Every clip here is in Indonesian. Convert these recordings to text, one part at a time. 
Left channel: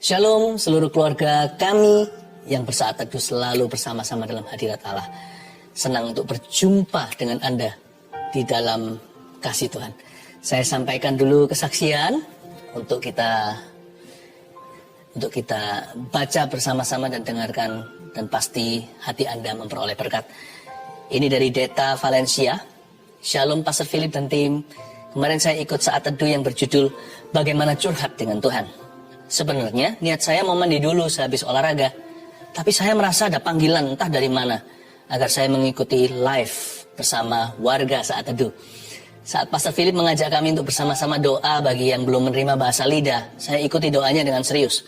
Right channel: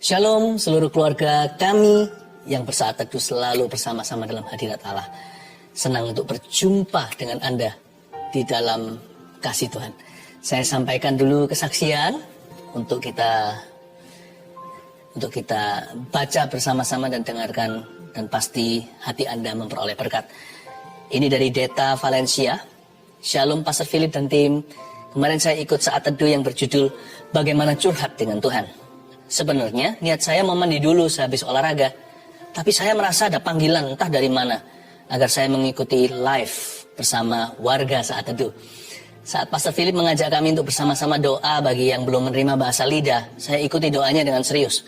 Shalom seluruh keluarga kami yang bersaat teduh selalu bersama-sama dalam hadirat Allah. Senang untuk berjumpa dengan Anda di dalam kasih Tuhan. Saya sampaikan dulu kesaksian untuk kita baca bersama-sama dan dengarkan, dan pasti hati Anda memperoleh berkat. Ini dari Deta Valencia. Shalom Pastor Philip dan tim. Kemarin saya ikut saat teduh yang berjudul Bagaimana Curhat dengan Tuhan. Sebenarnya niat saya mau mandi dulu sehabis olahraga, tapi saya merasa ada panggilan entah dari mana agar saya mengikuti live bersama warga saat teduh. Saat Pastor Philip mengajak kami untuk bersama-sama doa bagi yang belum menerima bahasa lidah, saya ikuti doanya dengan serius.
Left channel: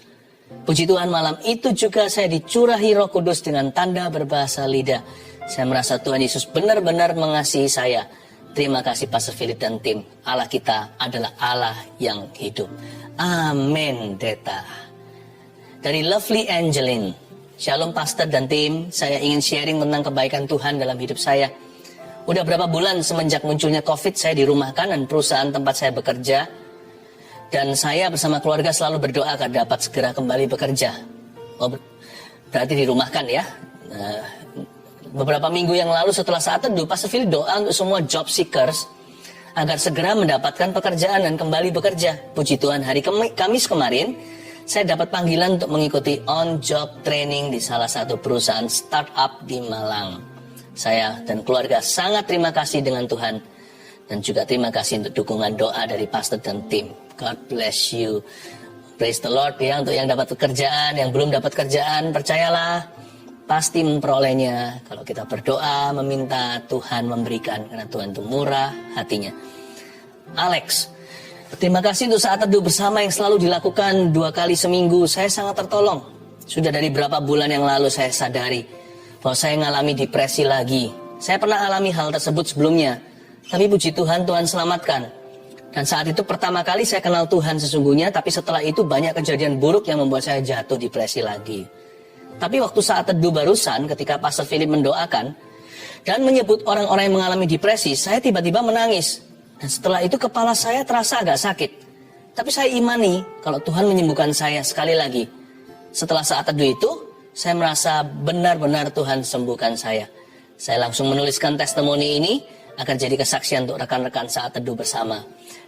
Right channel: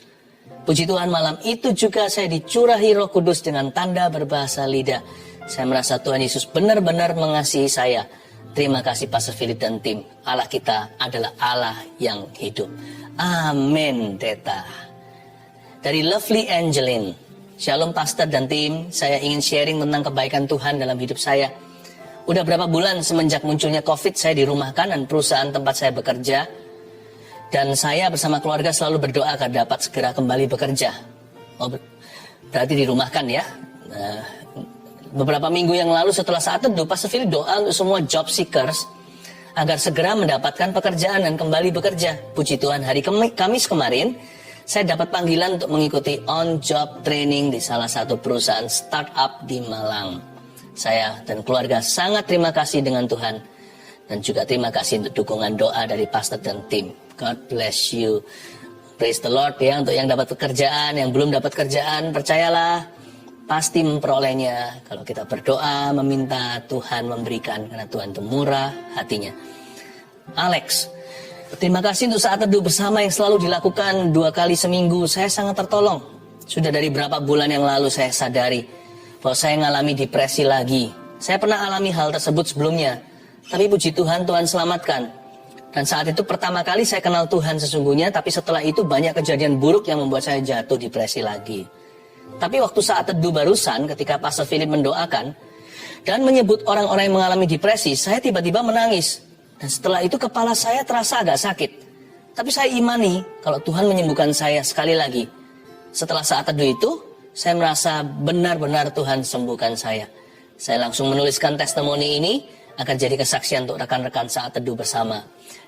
Puji Tuhan, malam itu juga saya dicurahi Roh Kudus dengan tanda berbahasa lidah. Saya merasa Tuhan Yesus benar-benar mengasihi saya. Terima kasih Pastor Philip dan tim. Allah kita adalah Allah yang hidup. Amin, Deta. Dari Lovely Angeline. Shalom Pastor dan tim. Saya ingin sharing tentang kebaikan Tuhan dalam hidup saya. Udah berapa bulan semenjak munculnya COVID, saya dirumahkan dan perusahaan tempat saya bekerja. Dan saya bersama keluarga selalu berdoa agar dapat segera kembali bekerja. Oh, berarti dirumahkan ya. Beberapa minggu yang lalu setelah saat teduh, Pastor Philip doa untuk semua job seekers agar segera mendapatkan pekerjaan dan kembali bekerja. Puji Tuhan, hari Kamis kemarin, saya dapat panggilan untuk mengikuti on-job training di salah satu perusahaan startup di Malang. Saya dan keluarga sangat terima kasih dengan Tuhan. Dan juga terima kasih untuk dukungan doa dari pastor dan tim. God bless you. Praise the Lord ya, untuk yang dapat pekerjaan, yang belum dapat kerjaan, percayalah. Pasti memperolehnya kalau kita berdoa, meminta Tuhan memberikan, karena Tuhan itu murah hatinya. Alex, terima kasih untuk saat teduh bersama yang selalu dilakukan 2 kali seminggu. Saya sangat tertolong. Sudah dari berapa bulan yang lalu saya sadari bahwa saya mengalami depresi lagi. Saya pernah alami hal tersebut sebelumnya, tapi puji Tuhan, Tuhan selamatkan. Dan saat itu pertama kali saya kenal Tuhan sesungguhnya, tapi setelah itu banyak kejadian buruk yang membuat saya jatuh depresi lagi. Tapi waktu saat teduh barusan, ketika Pastor Philip mendoakan dan menyebut orang-orang yang mengalami depresi, saya tiba-tiba menangis. Dan setelah itu kepala saya terasa agak sakit. Tapi saya imani kalau Tuhan menyembuhkan saya sekali lagi. Setelah saat teduh itu, saya merasa benar-benar Tuhan sembuhkan saya. Saya langsung menuliskan testimoni ini agar jadi kesaksian untuk rekan-rekan saat teduh bersama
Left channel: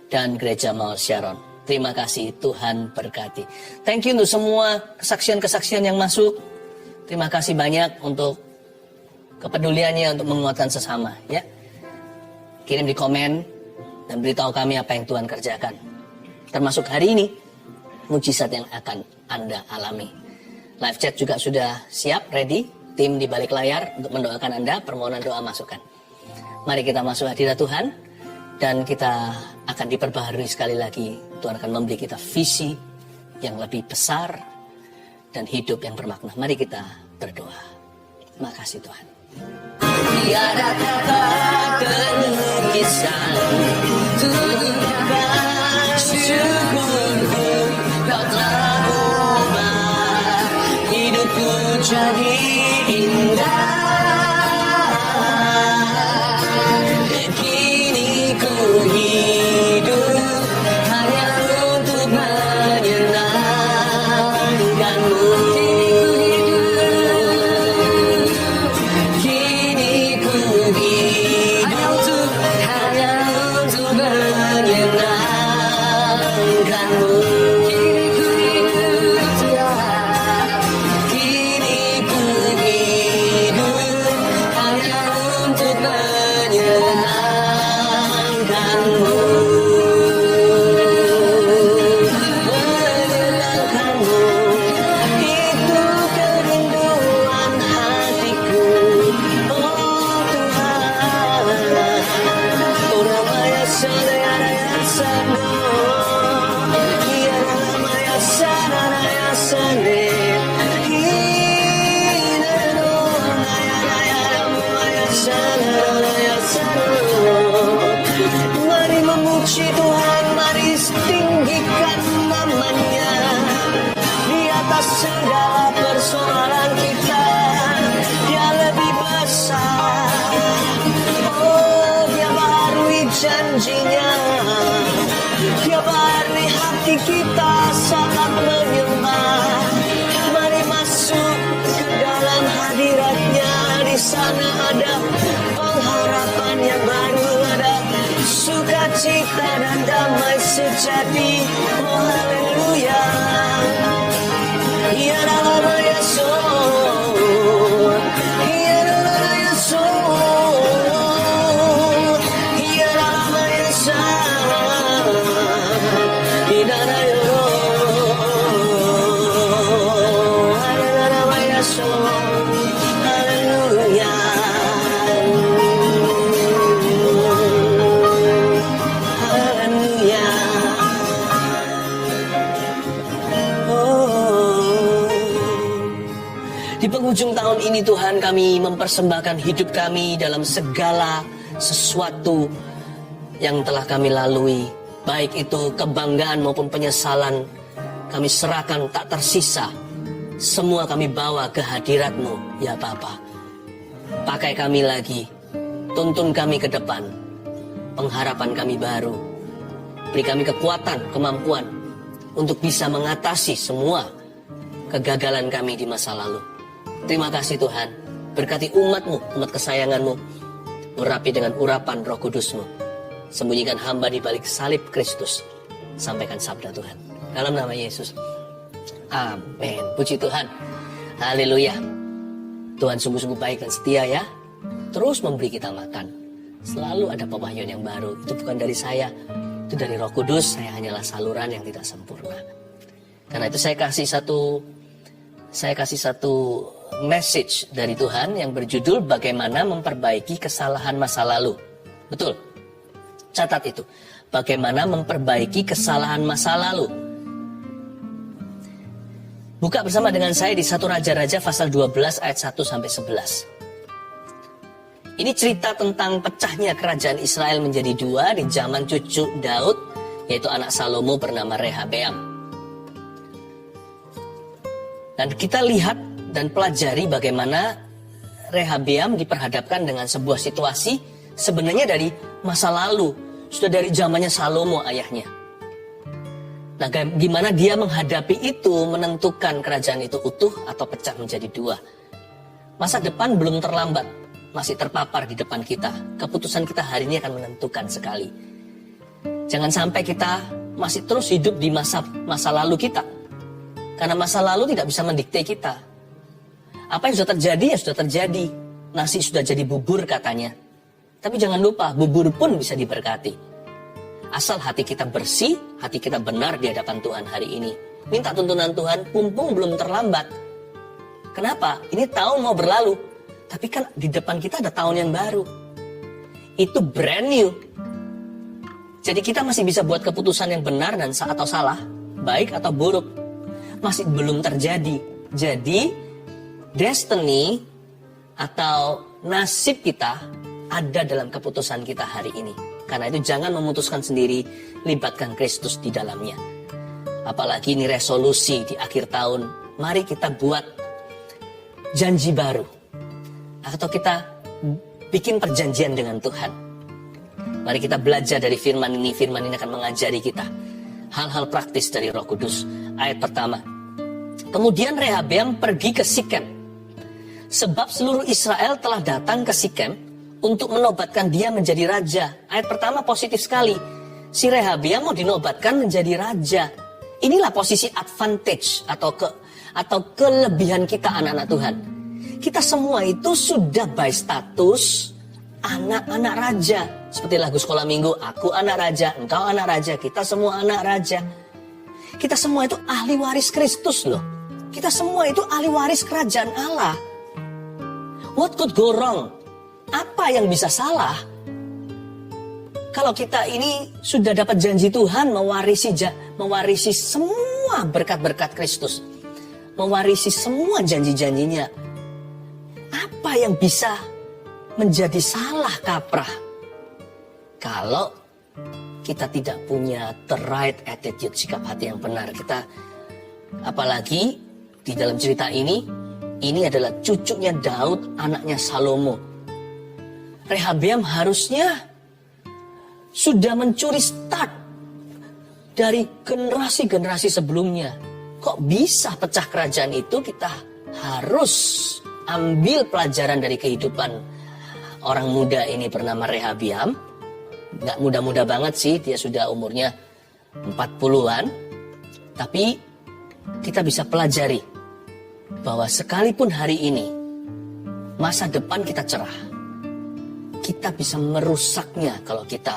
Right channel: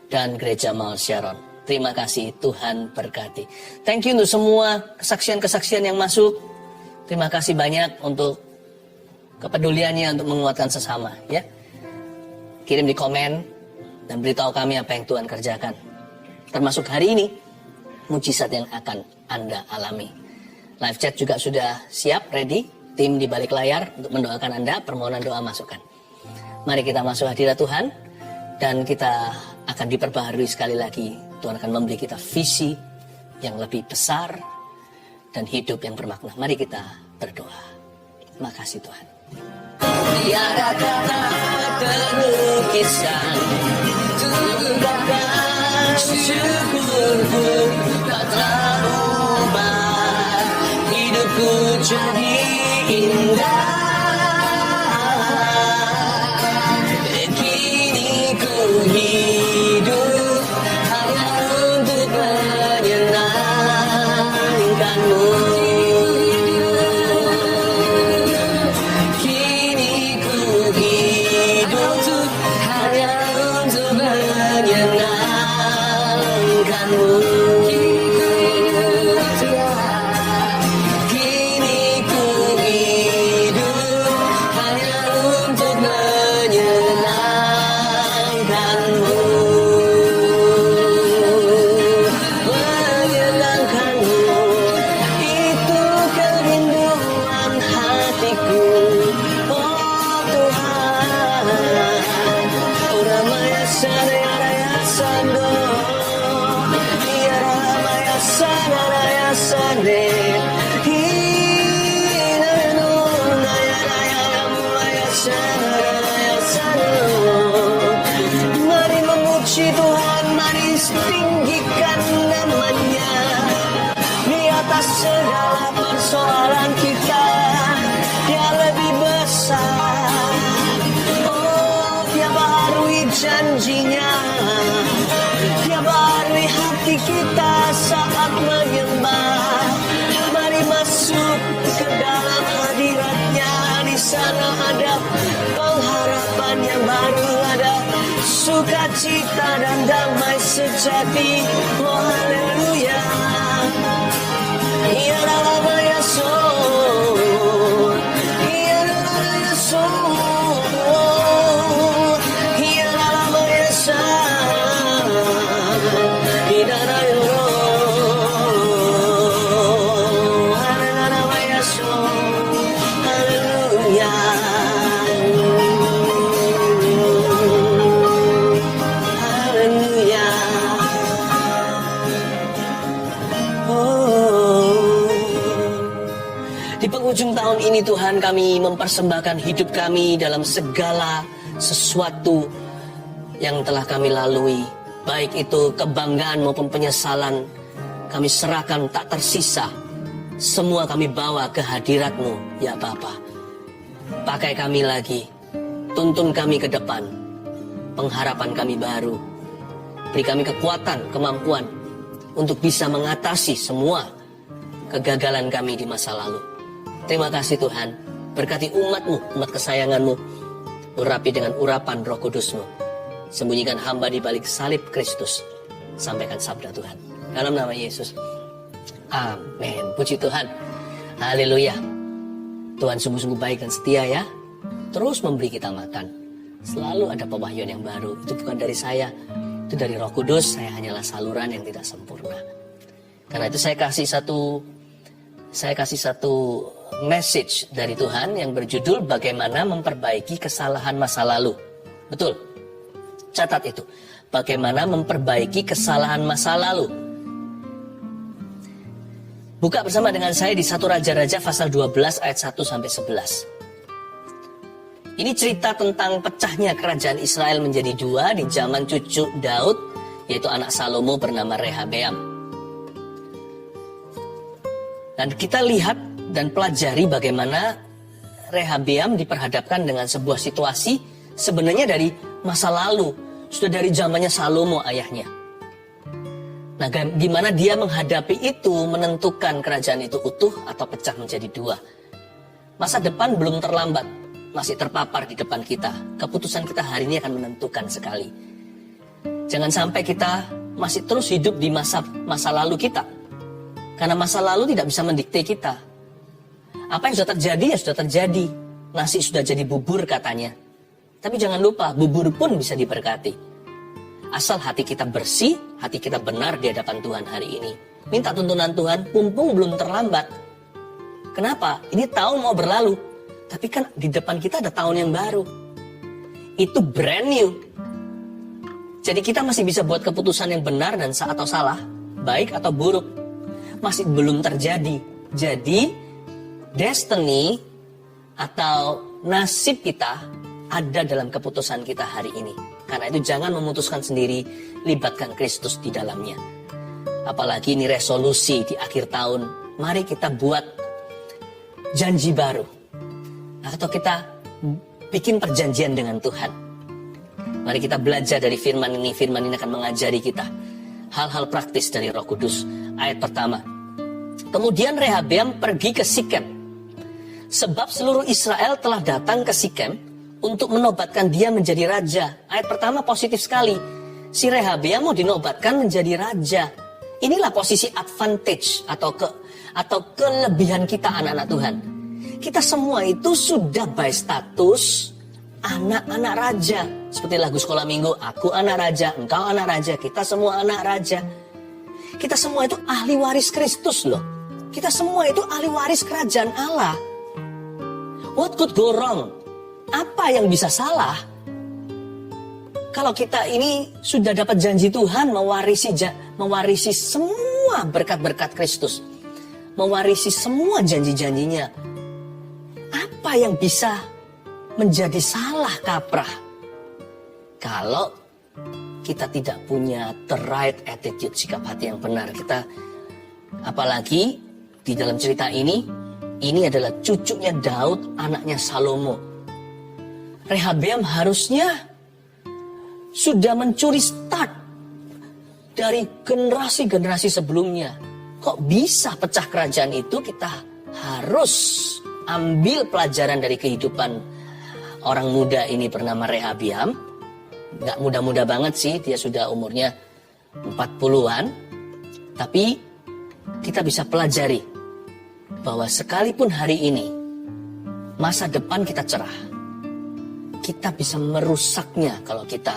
dan Gereja Mount Sharon. Terima kasih, Tuhan berkati. Thank you untuk semua kesaksian-kesaksian yang masuk. Terima kasih banyak untuk kepeduliannya untuk menguatkan sesama, ya. Kirim di komen dan beritahu kami apa yang Tuhan kerjakan. Termasuk hari ini, mujizat yang akan Anda alami. Live chat juga sudah siap, ready. Tim di balik layar untuk mendoakan Anda, permohonan doa masukan. Mari kita masuk hadirat Tuhan dan kita akan diperbaharui sekali lagi. Tuhan akan memberi kita visi yang lebih besar dan hidup yang bermakna. Mari kita berdoa. Makasih Tuhan. Tiada kata terlukisan untuk karena syukurku tak telah ubah hidupku jadi indah. Kini ku hidup hanya untuk menyenangkanmu. Kini ku hidup hanya untuk menyenangkanmu. Kini ku hidup hanya untuk menyenangkanmu. Menyenangkanmu itu kerinduan hatiku. Oh Tuhan, Ramaya Sanaya Sano, Ya Ramaya Sanaya Sane. Mari memuji Tuhan, mari tinggikan namanya di atas segala persoalan kita. Dia lebih besar. Oh, Dia baharui janjinya. Dia baharui hati kita saat menyembah. sukacita dan damai sejati. Oh haleluya. Ya nama Yesus, ya nama Yesus, ya nama Yesus, ya nama Di penghujung tahun ini Tuhan, kami mempersembahkan hidup kami dalam segala sesuatu yang telah kami lalui. Baik itu kebanggaan maupun penyesalan, kami serahkan tak tersisa. Semua kami bawa ke hadirat-Mu, ya Bapa. Pakai kami lagi, tuntun kami ke depan. Pengharapan kami baru. Beri kami kekuatan, kemampuan untuk bisa mengatasi semua kegagalan kami di masa lalu. Terima kasih Tuhan, berkati umat-Mu, umat kesayangan-Mu, urapi dengan urapan Roh Kudus-Mu. Sembunyikan hamba di balik salib Kristus. Sampaikan sabda Tuhan. Dalam nama Yesus. Amin. Puji Tuhan. Haleluya. Tuhan sungguh-sungguh baik dan setia ya. Terus memberi kita makan. Selalu ada pewahyuan yang baru. Itu bukan dari saya. Itu dari Roh Kudus. Saya hanyalah saluran yang tidak sempurna. Karena itu saya kasih satu message dari Tuhan yang berjudul bagaimana memperbaiki kesalahan masa lalu. Betul. Catat itu. Bagaimana memperbaiki kesalahan masa lalu. Buka bersama dengan saya di 1 Raja-Raja pasal 12 ayat 1 sampai 11. Ini cerita tentang pecahnya kerajaan Israel menjadi dua di zaman cucu Daud, yaitu anak Salomo bernama Rehabeam. Dan kita lihat dan pelajari bagaimana Rehabeam diperhadapkan dengan sebuah situasi sebenarnya dari masa lalu, sudah dari zamannya Salomo ayahnya. Nah, gimana dia menghadapi itu, menentukan kerajaan itu utuh atau pecah menjadi dua. Masa depan belum terlambat, masih terpapar di depan kita. Keputusan kita hari ini akan menentukan sekali. Jangan sampai kita masih terus hidup di masa lalu kita. Karena masa lalu tidak bisa mendikte kita. Apa yang sudah terjadi, ya sudah terjadi. Nasi sudah jadi bubur katanya. Tapi jangan lupa, bubur pun bisa diberkati. Asal hati kita bersih, hati kita benar di hadapan Tuhan hari ini. Minta tuntunan Tuhan, mumpung belum terlambat. Kenapa? Ini tahun mau berlalu. Tapi kan di depan kita ada tahun yang baru. Itu brand new. Jadi kita masih bisa buat keputusan yang benar dan atau salah. Baik atau buruk. Masih belum terjadi. Jadi destiny atau nasib kita ada dalam keputusan kita hari ini. Karena itu jangan memutuskan sendiri, libatkan Kristus di dalamnya. Apalagi ini resolusi di akhir tahun. Mari kita buat janji baru. Atau kita bikin perjanjian dengan Tuhan. Mari kita belajar dari firman ini. Firman ini akan mengajari kita hal-hal praktis dari Roh Kudus. Ayat pertama. Kemudian Rehabeam pergi ke Sikem. Sebab seluruh Israel telah datang ke Sikem untuk menobatkan dia menjadi raja. Ayat pertama positif sekali. Si Rehabeam mau dinobatkan menjadi raja. Inilah posisi advantage atau kelebihan kita anak-anak Tuhan. Kita semua itu sudah by status anak-anak raja. Seperti lagu sekolah minggu, aku anak raja, engkau anak raja, kita semua anak raja. Kita semua itu ahli waris Kristus loh. Kita semua itu ahli waris kerajaan Allah. What could go wrong? Apa yang bisa salah? Kalau kita ini sudah dapat janji Tuhan mewarisi semua berkat-berkat Kristus. Mewarisi semua janji-janjinya. Apa yang bisa menjadi salah kaprah? Kalau kita tidak punya the right attitude, sikap hati yang benar. Apalagi di dalam cerita ini adalah cucunya Daud, anaknya Salomo. Rehabeam harusnya sudah mencuri start dari generasi-generasi sebelumnya. Kok bisa pecah kerajaan itu? Kita harus ambil pelajaran dari kehidupan orang muda ini bernama Rehabeam. nggak muda-muda banget sih, dia sudah umurnya 40-an. Tapi kita bisa pelajari bahwa sekalipun hari ini masa depan kita cerah, kita bisa merusaknya kalau kita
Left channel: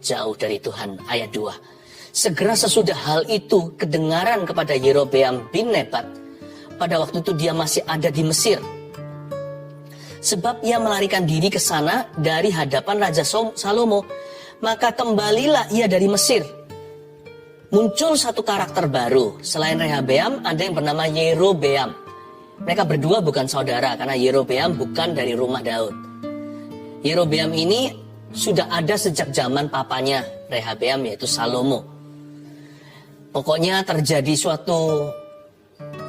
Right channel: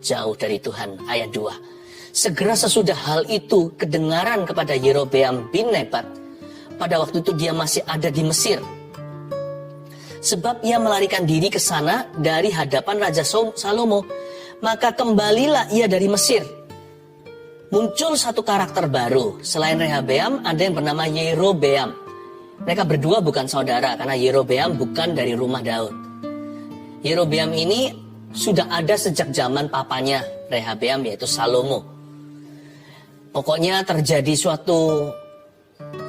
jauh dari Tuhan. Ayat 2. Segera sesudah hal itu kedengaran kepada Yerobeam bin Nebat. Pada waktu itu dia masih ada di Mesir. Sebab ia melarikan diri ke sana dari hadapan Raja Salomo. Maka kembalilah ia dari Mesir. Muncul satu karakter baru. Selain Rehabeam, ada yang bernama Yerobeam. Mereka berdua bukan saudara, karena Yerobeam bukan dari rumah Daud. Yerobeam ini sudah ada sejak zaman papanya Rehabeam, yaitu Salomo. Pokoknya terjadi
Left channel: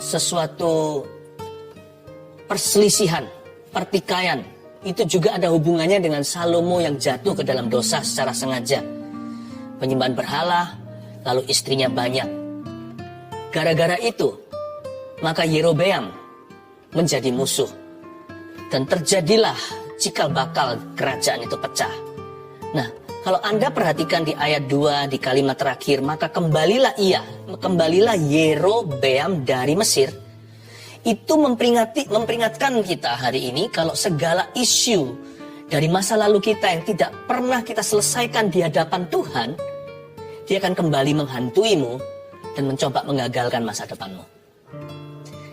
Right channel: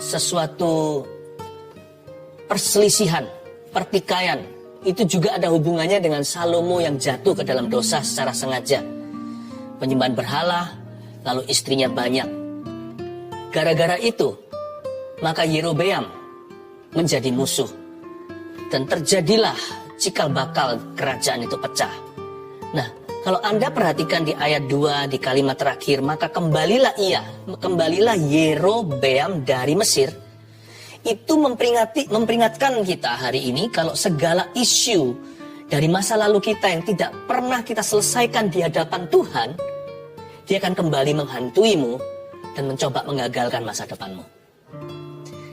sesuatu perselisihan, pertikaian. Itu juga ada hubungannya dengan Salomo yang jatuh ke dalam dosa secara sengaja. Penyembahan berhala, lalu istrinya banyak. Gara-gara itu, maka Yerobeam menjadi musuh. Dan terjadilah cikal bakal kerajaan itu pecah. Nah, kalau Anda perhatikan di ayat 2 di kalimat terakhir, maka kembalilah Yerobeam dari Mesir. Itu memperingatkan kita hari ini kalau segala isu dari masa lalu kita yang tidak pernah kita selesaikan di hadapan Tuhan, dia akan kembali menghantuimu dan mencoba mengagalkan masa depanmu.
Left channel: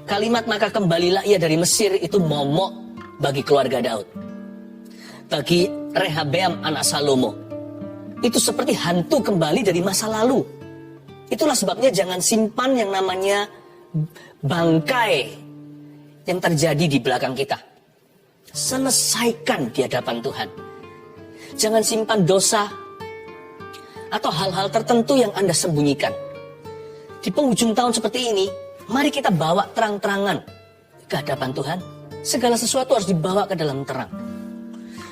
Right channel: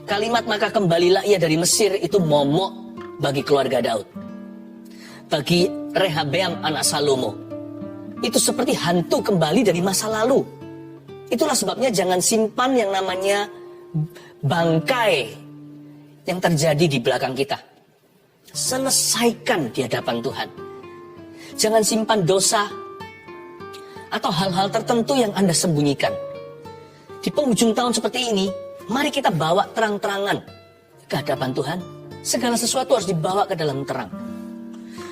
Kalimat maka kembalilah ia dari Mesir itu momok bagi keluarga Daud. Bagi Rehabeam anak Salomo, itu seperti hantu kembali dari masa lalu. Itulah sebabnya jangan simpan yang namanya bangkai yang terjadi di belakang kita. Selesaikan di hadapan Tuhan. Jangan simpan dosa atau hal-hal tertentu yang Anda sembunyikan. Di penghujung tahun seperti ini, mari kita bawa terang-terangan ke hadapan Tuhan. Segala sesuatu harus dibawa ke dalam terang.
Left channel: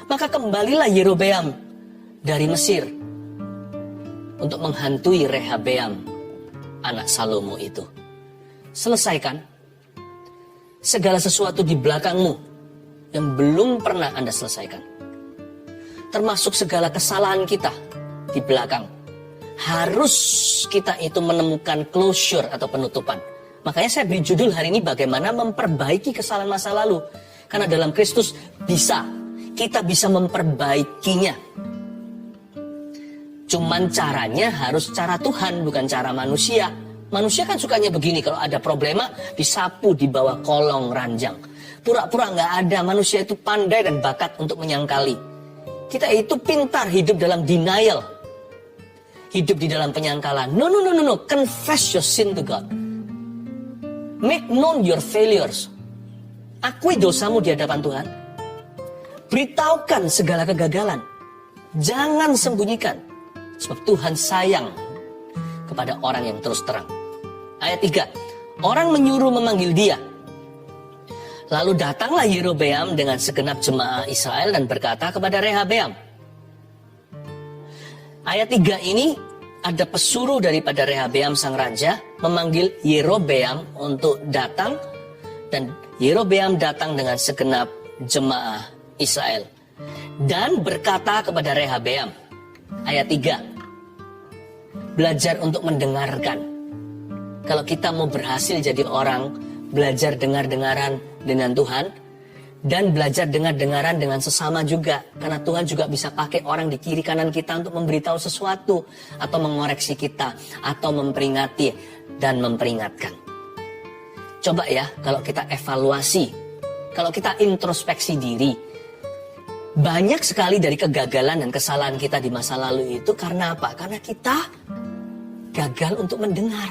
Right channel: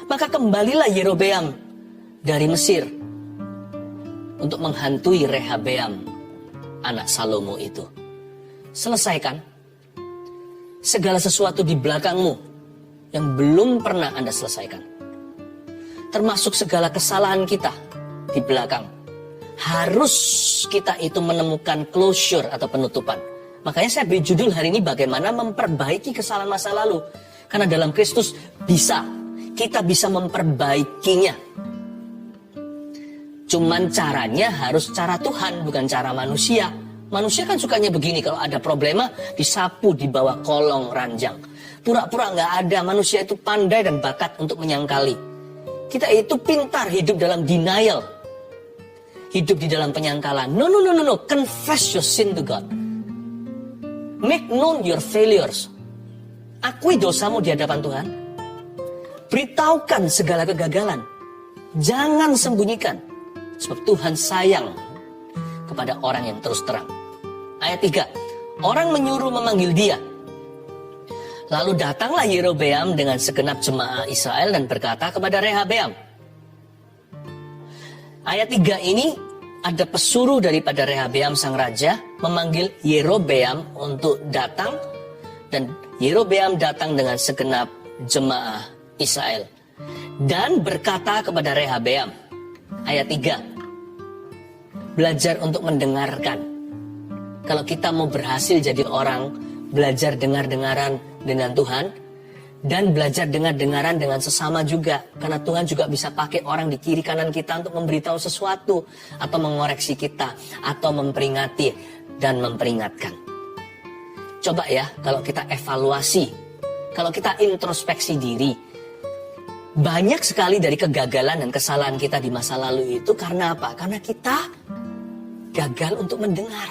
Maka kembalilah Yerobeam dari Mesir untuk menghantui Rehabeam anak Salomo itu. Selesaikan segala sesuatu di belakangmu yang belum pernah Anda selesaikan. Termasuk segala kesalahan kita di belakang. Harus kita itu menemukan closure atau penutupan. Makanya saya beri judul hari ini bagaimana memperbaiki kesalahan masa lalu. Karena dalam Kristus kita bisa memperbaikinya. Cuman caranya harus cara Tuhan, bukan cara manusia. Manusia kan sukanya begini, kalau ada problema disapu di bawah kolong ranjang. Pura-pura nggak ada. Manusia itu pandai dan bakat untuk menyangkali. Kita itu pintar hidup dalam denial, hidup di dalam penyangkalan. No. Confess your sin to God. Make known your failures. Akui dosamu di hadapan Tuhan. Beritahukan segala kegagalan. Jangan sembunyikan. Sebab Tuhan sayang kepada orang yang terus terang. Ayat 3. Orang menyuruh memanggil dia. Lalu datanglah Yerobeam dengan segenap jemaah Israel dan berkata kepada Rehabeam. Ayat 3 ini ada pesuruh daripada Rehabeam sang raja memanggil Yerobeam untuk datang. Dan Yerobeam datang dengan segenap jemaah Israel. Dan berkata kepada Rehabeam. Ayat 3. Belajar untuk mendengarkan. Kalau kita mau berhasil jadi orang, belajar dengar-dengaran dengan Tuhan, dan belajar dengar-dengaran dengan sesama juga. Karena Tuhan juga bisa pakai orang di kiri kanan kita untuk memberitahu sesuatu, atau mengoreksi kita, atau memperingati dan memperingatkan. Coba ya, kalau kita evaluasi, kalau kita introspeksi diri, banyak sekali dari kegagalan dan kesalahan kita di masa lalu itu karena apa? Karena kita gagal untuk mendengar.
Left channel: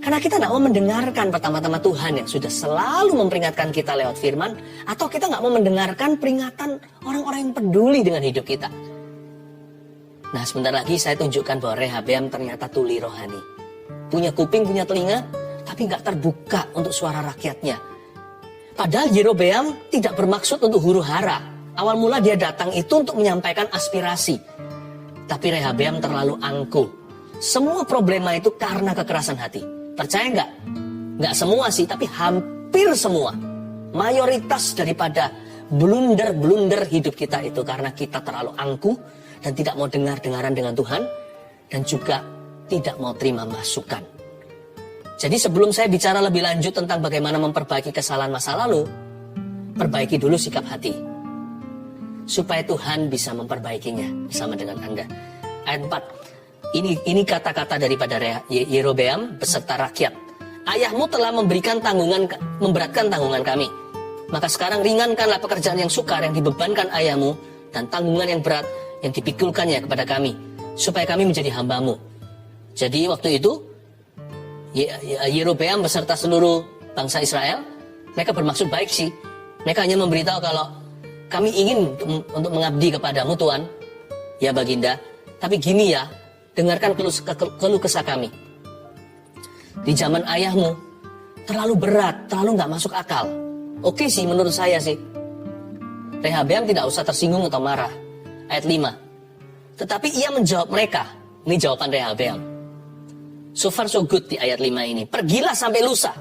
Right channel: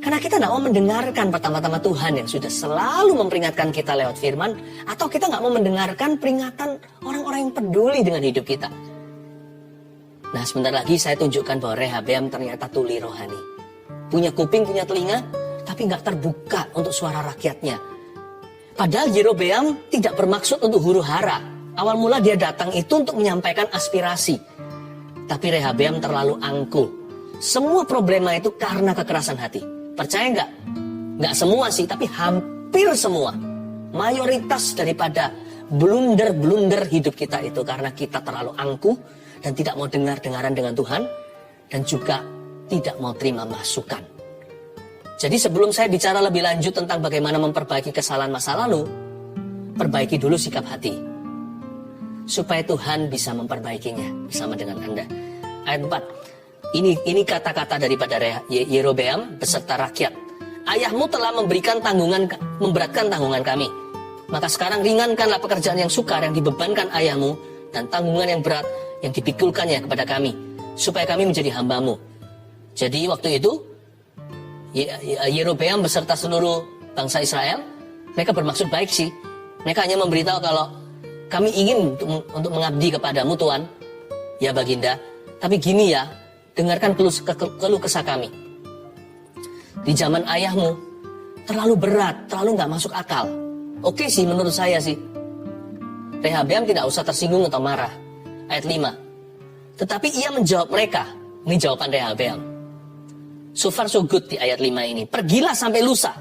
Karena kita tidak mau mendengarkan pertama-tama Tuhan yang sudah selalu memperingatkan kita lewat firman. Atau kita nggak mau mendengarkan peringatan orang-orang yang peduli dengan hidup kita. Nah, sebentar lagi saya tunjukkan bahwa Rehabeam ternyata tuli rohani. Punya kuping, punya telinga, tapi nggak terbuka untuk suara rakyatnya. Padahal Yerobeam tidak bermaksud untuk huru hara. Awal mula dia datang itu untuk menyampaikan aspirasi. Tapi Rehabeam terlalu angkuh. Semua problema itu karena kekerasan hati. Percaya nggak? Nggak semua sih, tapi hampir semua. Mayoritas daripada blunder hidup kita itu karena kita terlalu angkuh dan tidak mau dengar-dengaran dengan Tuhan dan juga tidak mau terima masukan. Jadi sebelum saya bicara lebih lanjut tentang bagaimana memperbaiki kesalahan masa lalu, perbaiki dulu sikap hati supaya Tuhan bisa memperbaikinya bersama dengan Anda. Ayat 4. Ini kata-kata daripada Yerobeam beserta rakyat. Ayahmu telah memberatkan tanggungan kami. Maka sekarang ringankanlah pekerjaan yang sukar yang dibebankan ayahmu dan tanggungan yang berat yang dipikulkannya kepada kami, supaya kami menjadi hamba-Mu. Jadi waktu itu Yerobeam beserta seluruh bangsa Israel, mereka bermaksud baik sih. Mereka hanya memberitahu kalau kami ingin untuk mengabdi kepadamu Tuhan, ya Baginda. Tapi gini ya, dengarkan keluh kesah kami. Di zaman ayahmu terlalu berat, terlalu nggak masuk akal. Oke sih menurut saya sih. Rehabeam tidak usah tersinggung atau marah. Ayat 5. Tetapi ia menjawab mereka. Ini jawaban Rehabeam. So far so good di ayat 5 ini. Pergilah sampai lusa.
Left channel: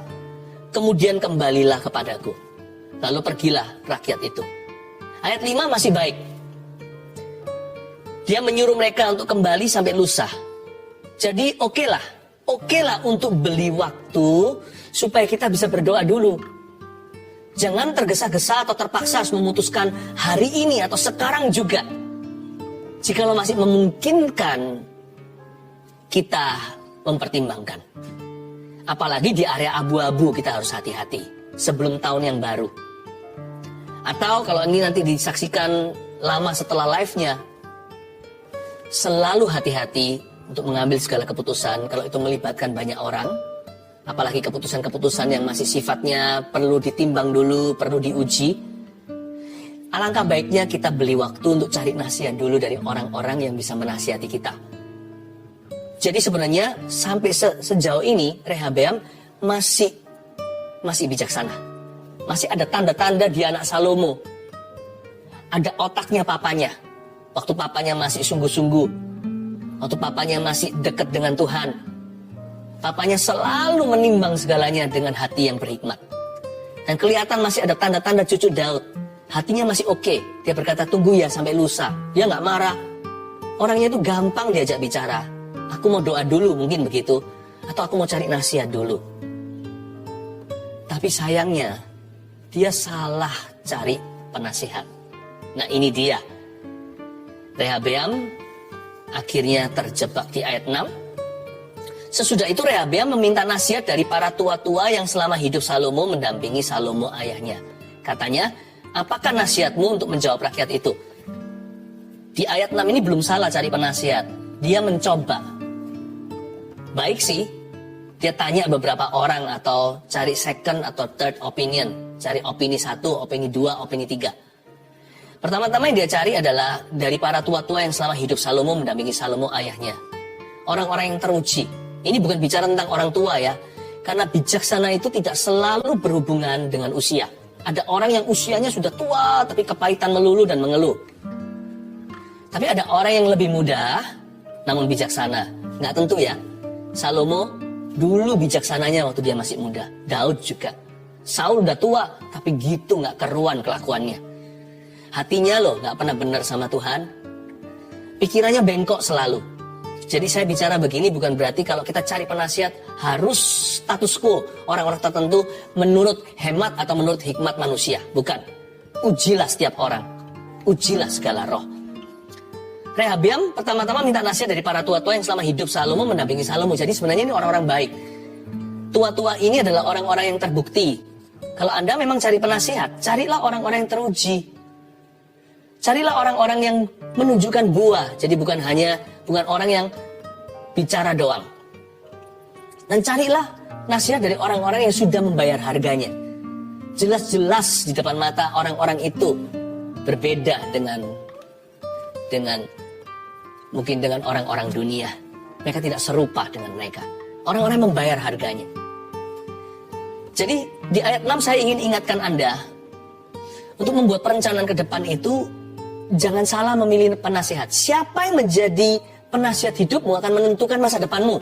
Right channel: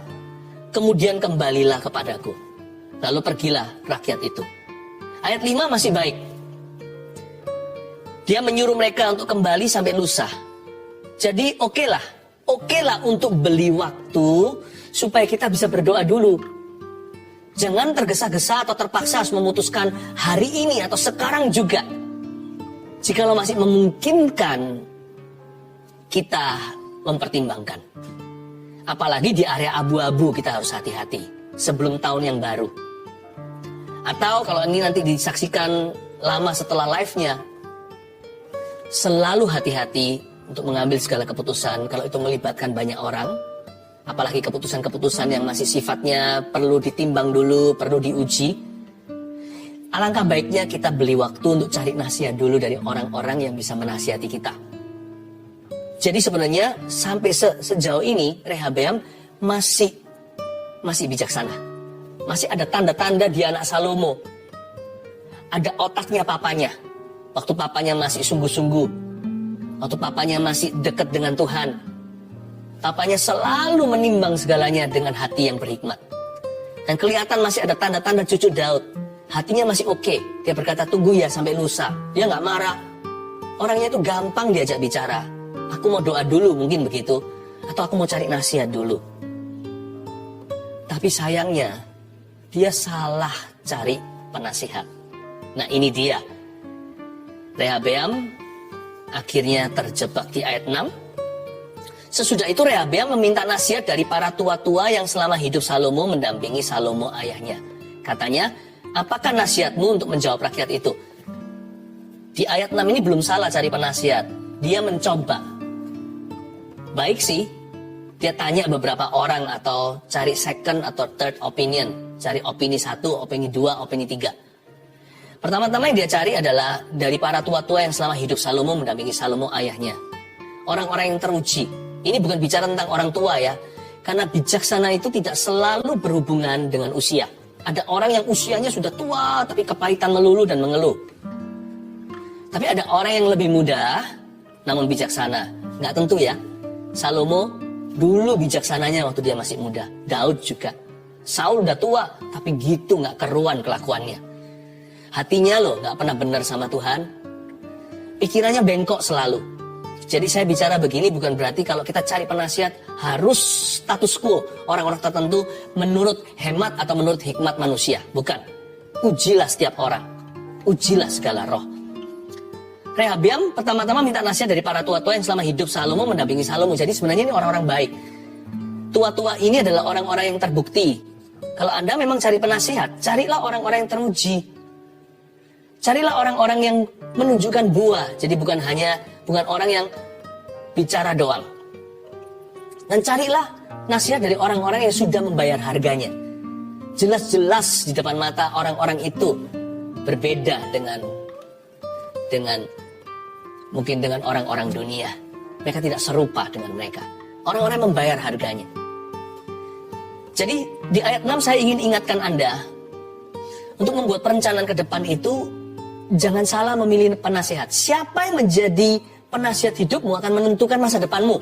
Kemudian kembalilah kepadaku. Lalu pergilah rakyat itu. Ayat 5 masih baik. Dia menyuruh mereka untuk kembali sampai lusa. Jadi oke lah untuk beli waktu supaya kita bisa berdoa dulu. Jangan tergesa-gesa atau terpaksa harus memutuskan hari ini atau sekarang juga. Jikalau masih memungkinkan, kita mempertimbangkan. Apalagi di area abu-abu kita harus hati-hati sebelum tahun yang baru. Atau kalau ini nanti disaksikan lama setelah live-nya, selalu hati-hati untuk mengambil segala keputusan kalau itu melibatkan banyak orang. Apalagi keputusan-keputusan yang masih sifatnya perlu ditimbang dulu, perlu diuji. Alangkah baiknya kita beli waktu untuk cari nasihat dulu dari orang-orang yang bisa menasihati kita. Jadi sebenarnya sampai sejauh ini Rehabeam masih bijaksana. Masih ada tanda-tanda dia anak Salomo. Ada otaknya papanya. Waktu papanya masih sungguh-sungguh. Waktu papanya masih dekat dengan Tuhan. Papanya selalu menimbang segalanya dengan hati yang berhikmat. Dan kelihatan masih ada tanda-tanda cucu Daud. Hatinya masih oke. Dia berkata tunggu ya sampai lusa. Dia nggak marah. Orangnya itu gampang diajak bicara. Aku mau doa dulu mungkin begitu. Atau aku mau cari nasihat dulu. Tapi sayangnya dia salah cari penasihat. Nah ini dia. Rehabeam akhirnya terjebak di ayat 6. Sesudah itu Rehabeam meminta nasihat dari para tua-tua yang selama hidup Salomo mendampingi Salomo ayahnya. Katanya, apakah nasihatmu untuk menjawab rakyat itu? Di ayat 6 ini belum salah cari penasihat. Dia mencoba. Baik sih, dia tanya beberapa orang atau cari second atau third opinion. Cari opini 1, opini 2, opini 3. Pertama-tama yang dia cari adalah dari para tua-tua yang selama hidup Salomo mendampingi Salomo ayahnya. Orang-orang yang teruji. Ini bukan bicara tentang orang tua ya. Karena bijaksana itu tidak selalu berhubungan dengan usia. Ada orang yang usianya sudah tua tapi kepahitan melulu dan mengeluh. Tapi ada orang yang lebih muda namun bijaksana. Nggak tentu ya. Salomo dulu bijaksananya waktu dia masih muda. Daud juga. Saul udah tua tapi gitu nggak keruan kelakuannya. Hatinya loh nggak pernah benar sama Tuhan. Pikirannya bengkok selalu. Jadi saya bicara begini bukan berarti kalau kita cari penasihat harus status quo orang-orang tertentu menurut hemat atau menurut hikmat manusia. Bukan. Ujilah setiap orang. Ujilah segala roh. Rehabeam pertama-tama minta nasihat dari para tua-tua yang selama hidup Salomo mendampingi Salomo. Jadi sebenarnya ini orang-orang baik. Tua-tua ini adalah orang-orang yang terbukti. Kalau Anda memang cari penasihat, carilah orang-orang yang teruji. Carilah orang-orang yang menunjukkan buah. Jadi bukan orang yang bicara doang. Dan carilah nasihat dari orang-orang yang sudah membayar harganya. Jelas-jelas di depan mata orang-orang itu berbeda dengan mungkin dengan orang-orang dunia. Mereka tidak serupa dengan mereka. Orang-orang membayar harganya. Jadi di ayat 6 saya ingin ingatkan Anda untuk membuat perencanaan ke depan itu jangan salah memilih penasihat. Siapa yang menjadi penasihat hidupmu akan menentukan masa depanmu.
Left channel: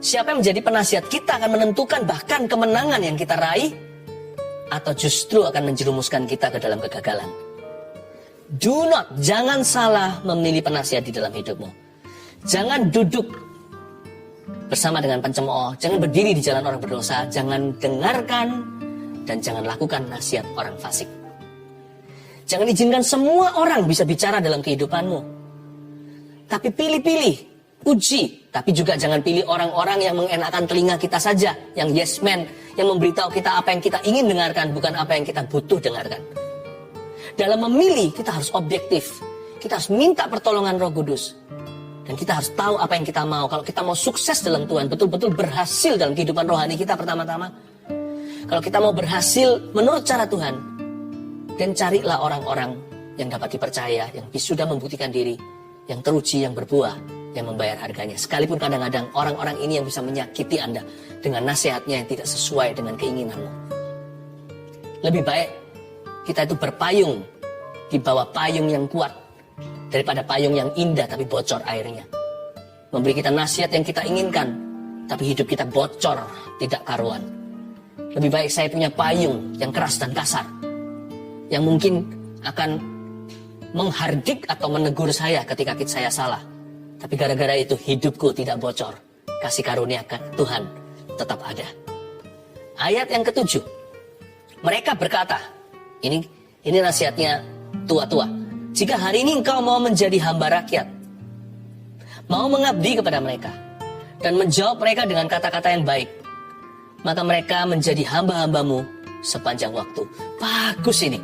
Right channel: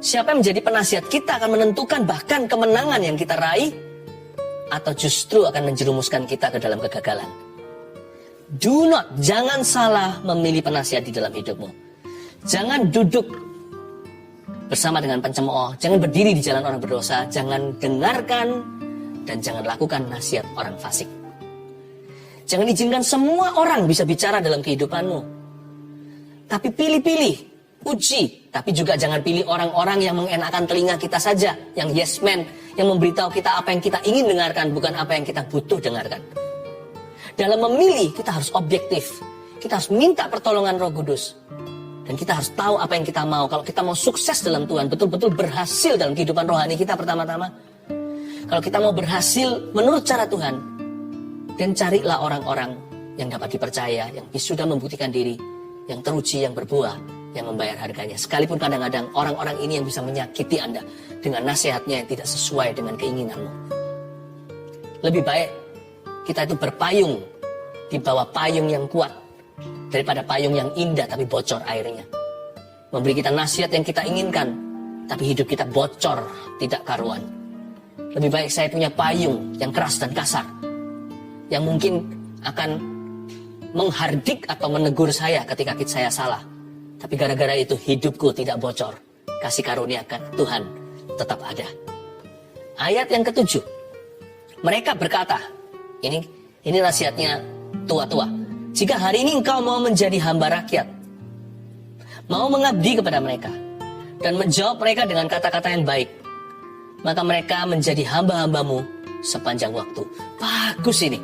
Siapa yang menjadi penasihat kita akan menentukan bahkan kemenangan yang kita raih atau justru akan menjerumuskan kita ke dalam kegagalan. Jangan salah memilih penasihat di dalam hidupmu. Jangan duduk bersama dengan pencemooh, jangan berdiri di jalan orang berdosa, jangan dengarkan dan jangan lakukan nasihat orang fasik. Jangan izinkan semua orang bisa bicara dalam kehidupanmu. Tapi pilih-pilih, uji. Tapi juga jangan pilih orang-orang yang mengenakan telinga kita saja, yang yes man, yang memberitahu kita apa yang kita ingin dengarkan, bukan apa yang kita butuh dengarkan. Dalam memilih, kita harus objektif. Kita harus minta pertolongan Roh Kudus. Dan kita harus tahu apa yang kita mau. Kalau kita mau sukses dalam Tuhan, betul-betul berhasil dalam kehidupan rohani kita pertama-tama. Kalau kita mau berhasil menurut cara Tuhan, dan carilah orang-orang yang dapat dipercaya, yang sudah membuktikan diri, yang teruji, yang berbuah, yang membayar harganya. Sekalipun kadang-kadang orang-orang ini yang bisa menyakiti Anda dengan nasihatnya yang tidak sesuai dengan keinginanmu. Lebih baik kita itu berpayung di bawah payung yang kuat daripada payung yang indah tapi bocor airnya. Memberi kita nasihat yang kita inginkan, tapi hidup kita bocor, tidak karuan. Lebih baik saya punya payung yang keras dan kasar, yang mungkin akan menghardik atau menegur saya ketika saya salah. Tapi gara-gara itu hidupku tidak bocor. Kasih karunia Tuhan tetap ada. Ayat yang ke-7. Mereka berkata, ini nasihatnya tua-tua. Jika hari ini engkau mau menjadi hamba rakyat, mau mengabdi kepada mereka, dan menjawab mereka dengan kata-kata yang baik, maka mereka menjadi hamba-hambamu sepanjang waktu. Bagus ini.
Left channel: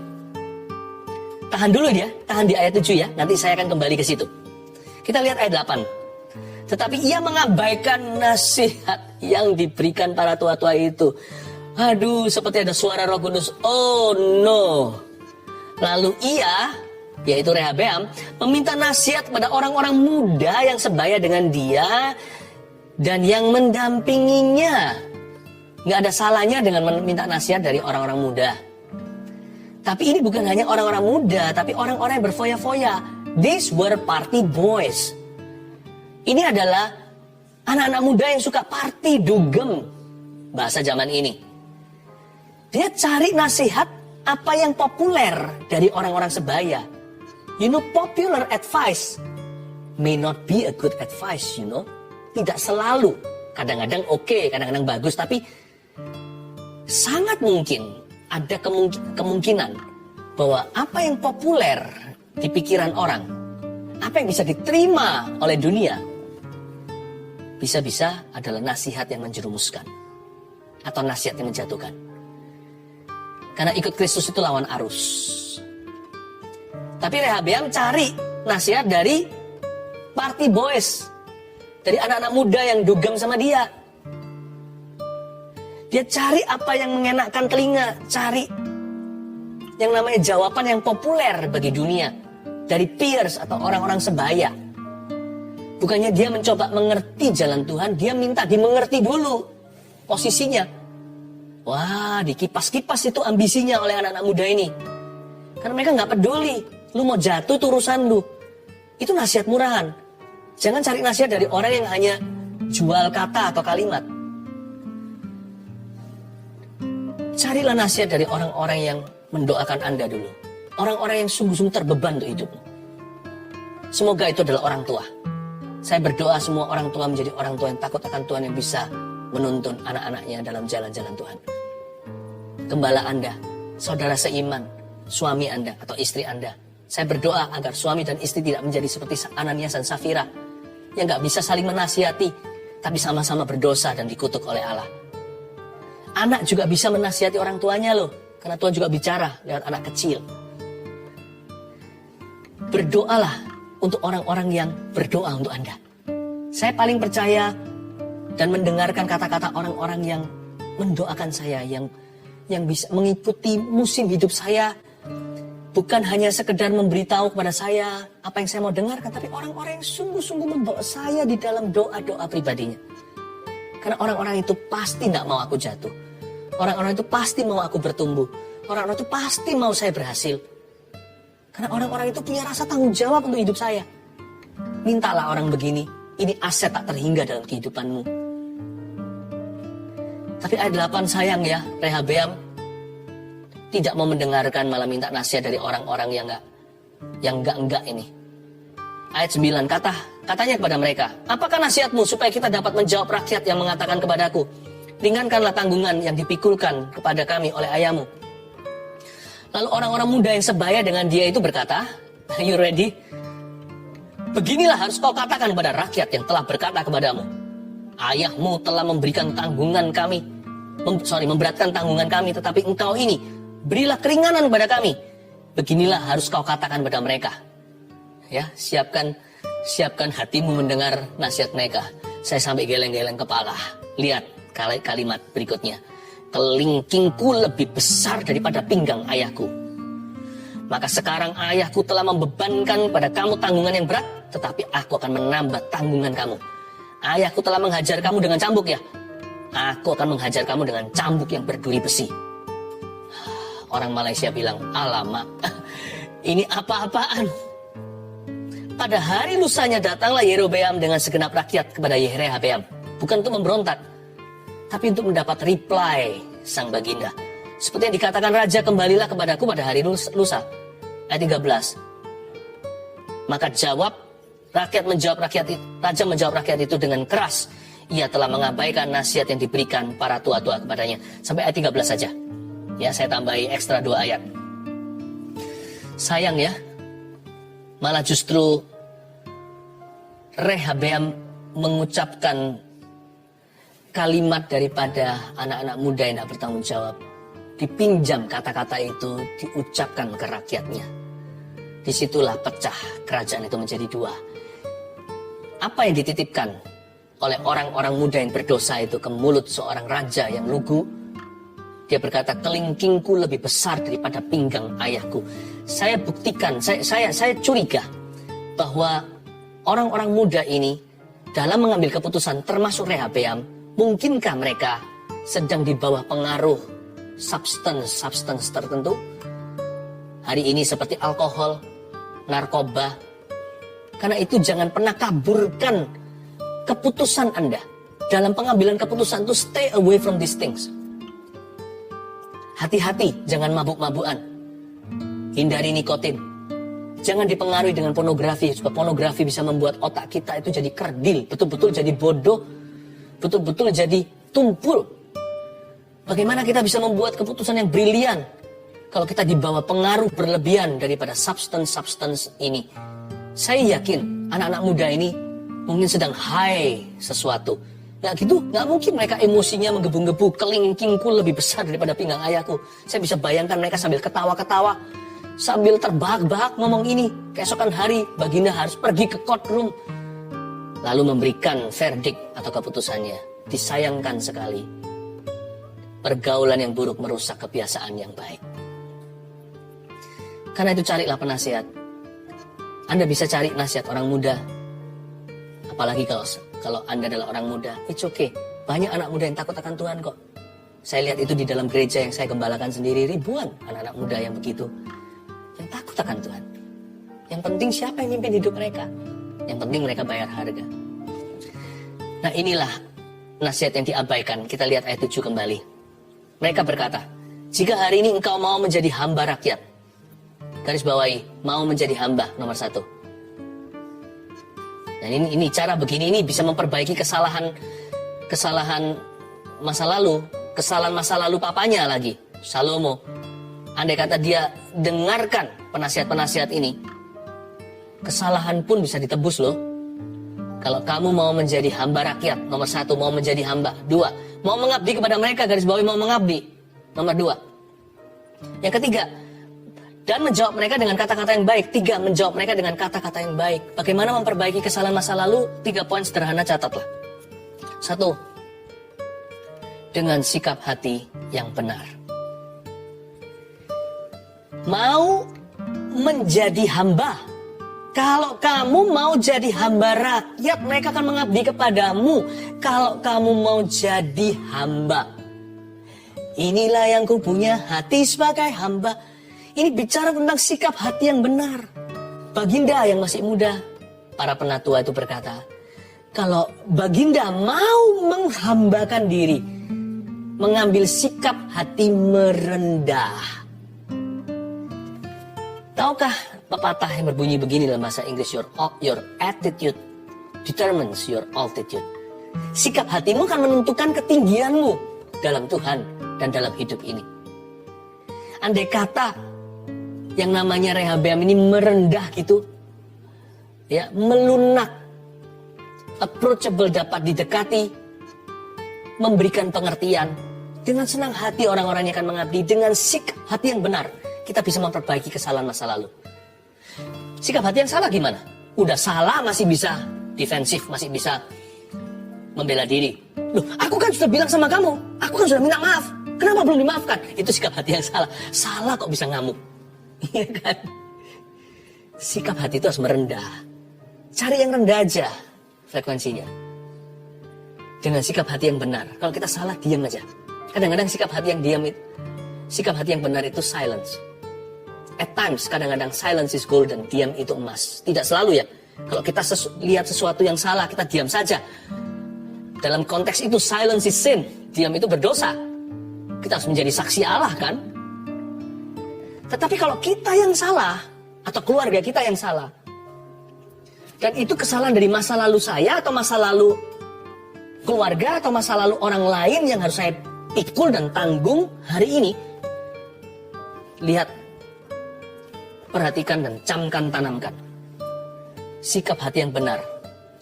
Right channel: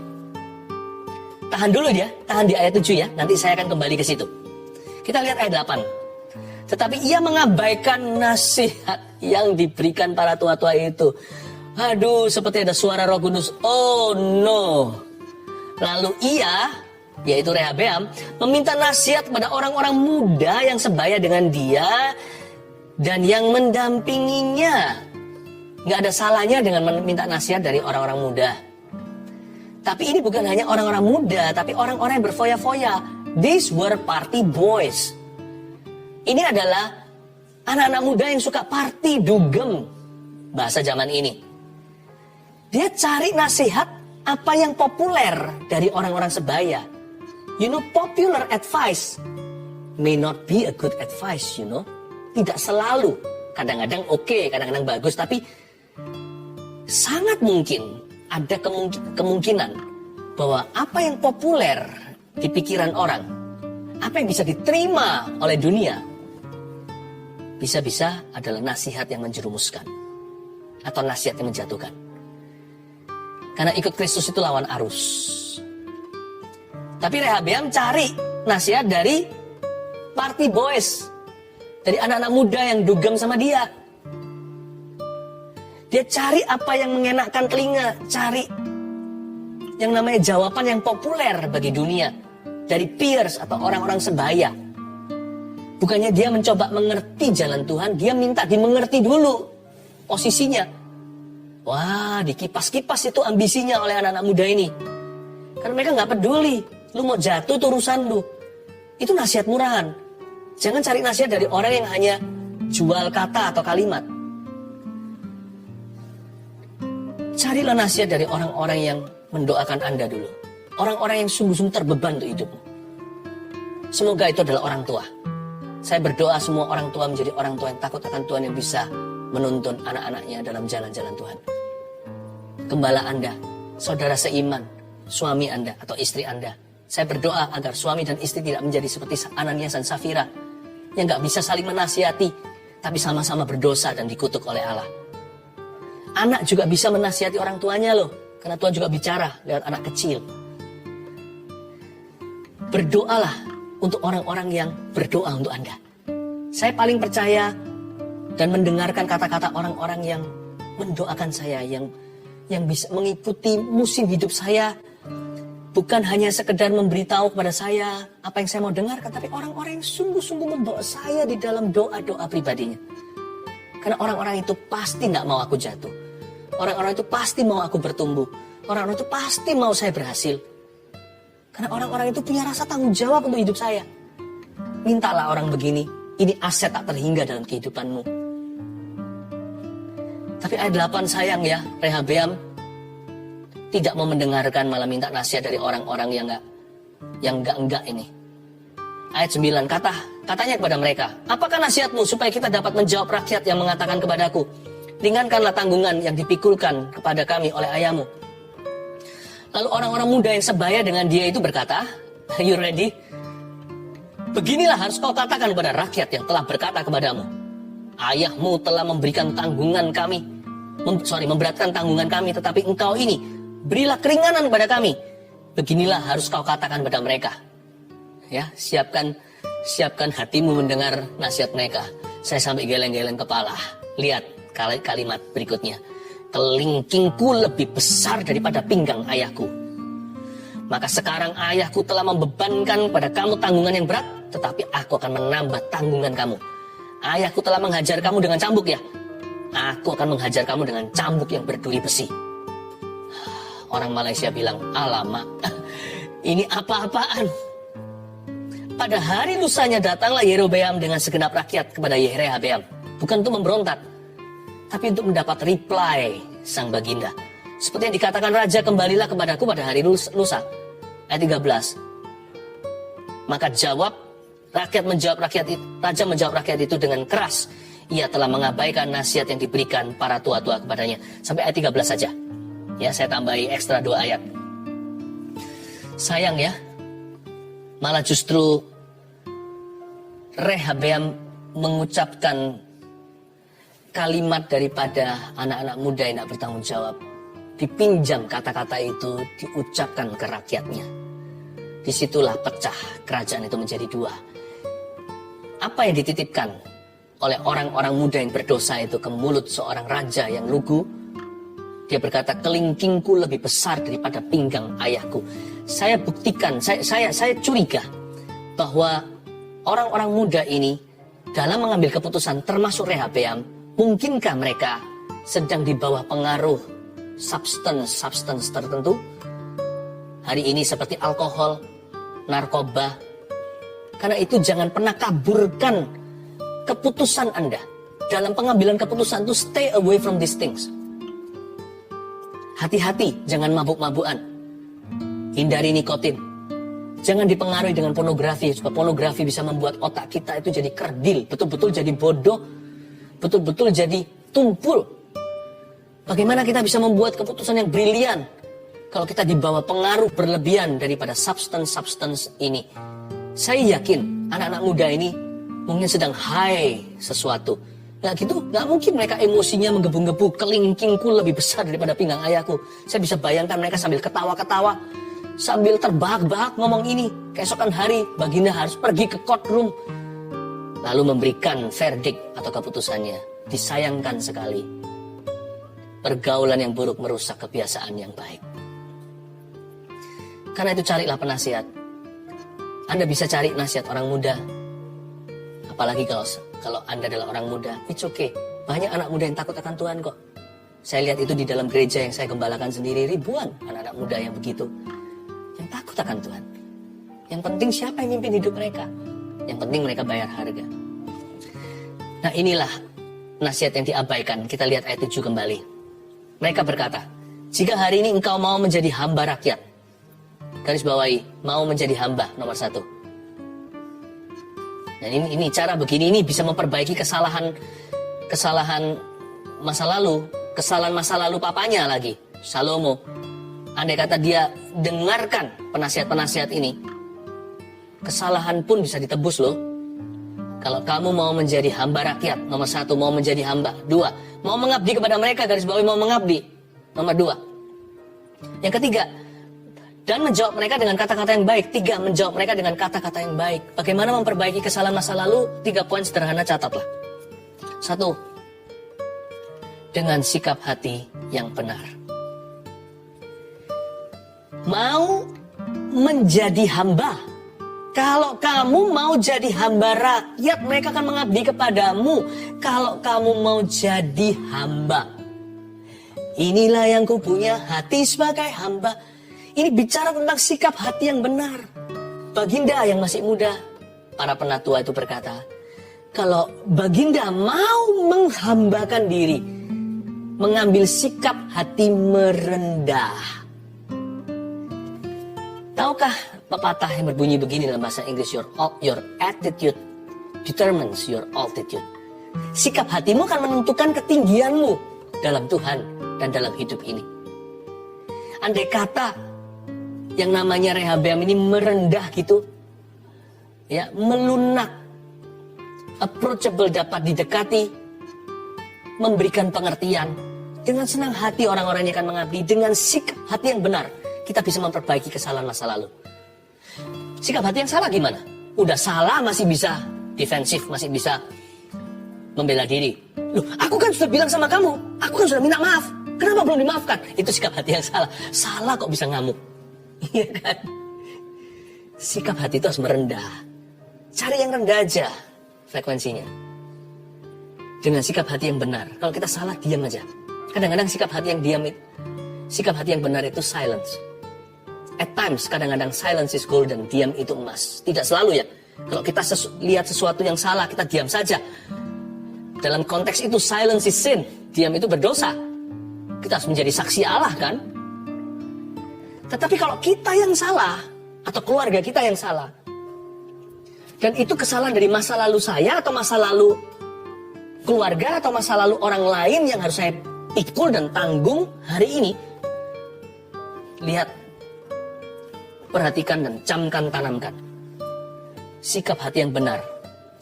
Tahan dulu ya, tahan di ayat 7 ya, nanti saya akan kembali ke situ. Kita lihat ayat 8. Tetapi ia mengabaikan nasihat yang diberikan para tua-tua itu. Waduh, seperti ada suara Roh Kudus. Oh no. Lalu ia, yaitu Rehabeam, meminta nasihat kepada orang-orang muda yang sebaya dengan dia dan yang mendampinginya. Gak ada salahnya dengan meminta nasihat dari orang-orang muda. Tapi ini bukan hanya orang-orang muda, tapi orang-orang yang berfoya-foya. These were party boys. Ini adalah anak-anak muda yang suka party, dugem. Bahasa zaman ini. Dia cari nasihat apa yang populer dari orang-orang sebaya. You know, popular advice may not be a good advice, you know. Tidak selalu. Kadang-kadang oke, kadang-kadang bagus. Tapi sangat mungkin ada kemungkinan bahwa apa yang populer di pikiran orang, apa yang bisa diterima oleh dunia, bisa-bisa adalah nasihat yang menjerumuskan atau nasihat yang menjatuhkan. Karena ikut Kristus itu lawan arus. Tapi Rehabeam cari nasihat dari party boys, dari anak-anak muda yang dugem sama dia. Dia cari apa yang mengenakkan telinga, cari yang namanya jawaban yang populer bagi dunia dari peers atau orang-orang sebaya. Bukannya dia mencoba mengerti jalan Tuhan, dia minta dimengerti dulu posisinya. Wah, dikipas-kipas itu ambisinya oleh anak-anak muda ini. Karena mereka nggak peduli, lu mau jatuh tuh urusan lu. Itu nasihat murahan. Jangan cari nasihat dari orang yang hanya jual kata atau kalimat. Carilah nasihat dari orang-orang yang mendoakan Anda dulu. Orang-orang yang sungguh-sungguh terbeban untuk hidupmu. Semoga itu adalah orang tua. Saya berdoa semua orang tua menjadi orang tua yang takut akan Tuhan, yang bisa menuntun anak-anaknya dalam jalan-jalan Tuhan. Gembala Anda, saudara seiman, suami Anda atau istri Anda. Saya berdoa agar suami dan istri tidak menjadi seperti Ananias dan Safira yang gak bisa saling menasihati, tapi sama-sama berdosa dan dikutuk oleh Allah. Anak juga bisa menasihati orang tuanya loh, karena Tuhan juga bicara lewat anak kecil. Berdoalah untuk orang-orang yang berdoa untuk Anda. Saya paling percaya dan mendengarkan kata-kata orang-orang yang mendoakan saya, yang bisa mengikuti musim hidup saya, bukan hanya sekedar memberitahu kepada saya apa yang saya mau dengarkan, tapi orang-orang yang sungguh-sungguh membawa saya di dalam doa-doa pribadinya. Karena orang-orang itu pasti nggak mau aku jatuh. Orang-orang itu pasti mau aku bertumbuh. Orang-orang itu pasti mau saya berhasil. Karena orang-orang itu punya rasa tanggung jawab untuk hidup saya. Mintalah orang begini. Ini aset tak terhingga dalam kehidupanmu. Tapi ayat 8 sayang ya, Rehabeam. tidak mau mendengarkan, malah minta nasihat dari orang-orang yang enggak ini. Ayat 9, katanya kepada mereka, apakah nasihatmu supaya kita dapat menjawab rakyat yang mengatakan kepadaku, ringankanlah tanggungan yang dipikulkan kepada kami oleh ayahmu. Lalu orang-orang muda yang sebaya dengan dia itu berkata, are you ready? Beginilah harus kau katakan kepada rakyat yang telah berkata kepadamu, ayahmu telah memberikan tanggungan kami, memberatkan tanggungan kami, tetapi engkau ini, berilah keringanan kepada kami. Beginilah harus kau katakan kepada mereka. Ya, siapkan hatimu mendengar nasihat mereka. Saya sampai geleng-geleng kepala. Lihat kalimat berikutnya. Kelingkingku lebih besar daripada pinggang ayahku. Maka sekarang ayahku telah membebankan pada kamu tanggungan yang berat, tetapi aku akan menambah tanggungan kamu. Ayahku telah menghajar kamu dengan cambuk ya. Aku akan menghajar kamu dengan cambuk yang berduri besi. Orang Malaysia bilang, alamak, ini apa-apaan? Pada hari lusanya datanglah Yerobeam dengan segenap rakyat kepada Yehorehabeam. Bukan untuk memberontak, tapi untuk mendapat reply sang baginda. Seperti yang dikatakan raja, kembalilah kepadaku pada hari lusa. Ayat 13. Maka raja menjawab rakyat itu dengan keras. Ia telah mengabaikan nasihat yang diberikan para tua-tua kepadanya. Sampai ayat 13 saja. Ya, saya tambahi ekstra 2 ayat. Sayang ya, malah justru Rehabeam mengucapkan kalimat daripada anak-anak muda yang tak bertanggung jawab. Dipinjam kata-kata itu, diucapkan ke rakyatnya. Disitulah pecah kerajaan itu menjadi 2. Apa yang dititipkan oleh orang-orang muda yang berdosa itu ke mulut seorang raja yang lugu? Dia berkata, kelingkingku lebih besar daripada pinggang ayahku. Saya buktikan, saya curiga bahwa orang-orang muda ini dalam mengambil keputusan, termasuk Rehabeam, mungkinkah mereka sedang di bawah pengaruh substance tertentu? Hari ini seperti alkohol, narkoba. Karena itu jangan pernah kaburkan keputusan Anda. Dalam pengambilan keputusan itu stay away from these things. Hati-hati, jangan mabuk-mabukan. Hindari nikotin. Jangan dipengaruhi dengan pornografi. Sebab pornografi bisa membuat otak kita itu jadi kerdil. Betul-betul jadi bodoh. Betul-betul jadi tumpul. Bagaimana kita bisa membuat keputusan yang brilian kalau kita dibawa pengaruh berlebihan daripada substance ini? Saya yakin anak-anak muda ini mungkin sedang high sesuatu. Nah gitu, gak mungkin mereka emosinya menggebu-gebu. Kelingkingku lebih besar daripada pinggang ayahku. Saya bisa bayangkan mereka sambil ketawa-ketawa, sambil terbahak-bahak ngomong ini. Keesokan hari baginda harus pergi ke courtroom, lalu memberikan verdict atau keputusannya. Disayangkan sekali, pergaulan yang buruk merusak kebiasaan yang baik. Karena itu carilah penasihat. Anda bisa cari nasihat orang muda. Apalagi kalau Anda adalah orang muda, it's okay. Banyak anak muda yang takut akan Tuhan kok. Saya lihat itu di dalam gereja yang saya gembalakan sendiri, ribuan anak-anak muda yang begitu. Yang takut akan Tuhan. Yang penting siapa yang mimpin hidup mereka. Yang penting mereka bayar harga. Nah inilah nasihat yang diabaikan. Kita lihat ayat 7 kembali. Mereka berkata, jika hari ini engkau mau menjadi hamba rakyat. Garis bawahi, mau menjadi hamba nomor 1. Dan ini cara begini ini bisa memperbaiki kesalahan masa lalu, kesalahan masa lalu papanya lagi, Salomo. Andai kata dia dengarkan penasihat-penasihat ini, kesalahan pun bisa ditebus loh. Kalau kamu mau menjadi hamba rakyat, nomor 1 mau menjadi hamba. 2, mau mengabdi kepada mereka, garis bawahi mau mengabdi. Nomor 2. Yang ketiga, dan menjawab mereka dengan kata-kata yang baik. 3, menjawab mereka dengan kata-kata yang baik. Bagaimana memperbaiki kesalahan masa lalu? 3 poin sederhana, catatlah. 1, dengan sikap hati yang benar. Mau menjadi hamba. Kalau kamu mau jadi hamba rakyat, mereka akan mengabdi kepadamu. Kalau kamu mau jadi hamba. Inilah yang kupunya, hati sebagai hamba. Ini bicara tentang sikap hati yang benar. Baginda yang masih muda, para penatua itu berkata, kalau baginda mau menghambakan diri, mengambil sikap hati merendah, Tahukah pepatah yang berbunyi begini dalam bahasa Inggris, your attitude determines your altitude. Sikap hatimu akan menentukan ketinggianmu dalam Tuhan dan dalam hidup ini. Andai kata yang namanya Rehabeam ini merendah gitu, ya, melunak, approachable, dapat didekati, memberikan pengertian, dengan senang hati orang-orang yang akan mengabdi, dengan sikap hati yang benar, kita bisa memperbaiki kesalahan masa lalu. Sikap hati yang salah gimana? Udah salah masih bisa defensif, masih bisa membela diri. Loh, aku kan sudah bilang sama kamu, aku kan sudah minta maaf, kenapa belum dimaafkan? Itu sikap hati yang salah. Salah kok bisa ngamuk. Iya kan? Sikap hati itu harus merendah. Cari yang rendah aja frekuensinya. Dengan sikap hati yang benar. Kalau kita salah, diam aja. Kadang-kadang sikap hati yang diam itu, sikap hati yang benar itu silence. At times, kadang-kadang silence is golden. Diam itu emas. Tidak selalu ya. Kalau kita lihat sesuatu yang salah, kita diam saja. Dalam konteks itu, silence is sin. Diam itu berdosa. Kita harus menjadi saksi Allah kan? Tetapi kalau kita yang salah, atau keluarga kita yang salah, dan itu kesalahan dari masa lalu saya, atau masa lalu keluarga, atau masa lalu orang lain yang harus saya pikul dan tanggung hari ini, lihat, perhatikan dan camkan, tanamkan. Sikap hati yang benar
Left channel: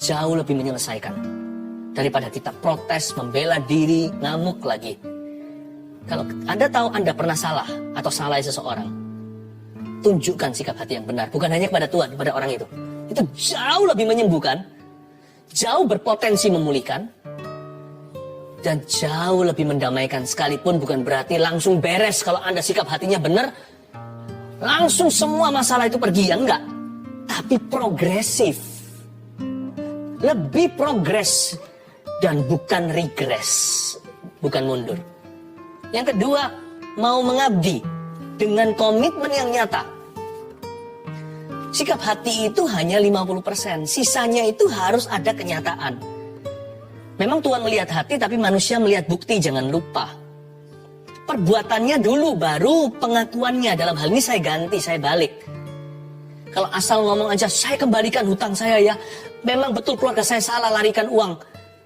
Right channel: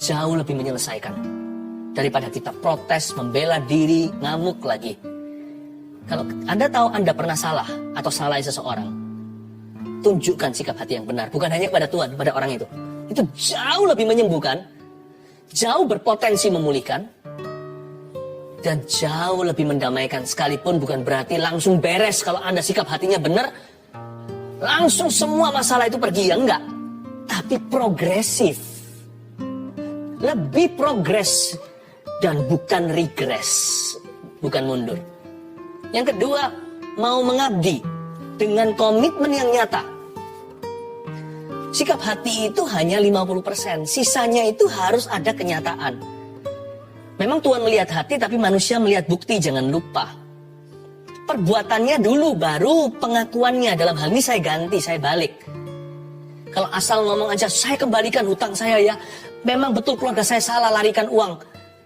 jauh lebih menyelesaikan daripada kita protes, membela diri, ngamuk lagi. Kalau Anda tahu Anda pernah salah atau salah seseorang, tunjukkan sikap hati yang benar. Bukan hanya kepada Tuhan, kepada orang itu. Itu jauh lebih menyembuhkan, jauh berpotensi memulihkan, dan jauh lebih mendamaikan. Sekalipun bukan berarti langsung beres kalau Anda sikap hatinya benar, langsung semua masalah itu pergi, ya enggak. Tapi progresif. Lebih progres dan bukan regres, bukan mundur. Yang kedua, mau mengabdi dengan komitmen yang nyata. Sikap hati itu hanya 50%, sisanya itu harus ada kenyataan. Memang Tuhan melihat hati, tapi manusia melihat bukti, jangan lupa. Perbuatannya dulu, baru pengakuannya. Dalam hal ini saya ganti, saya balik. Kalau asal ngomong aja, saya kembalikan hutang saya ya. Memang betul keluarga saya salah larikan uang.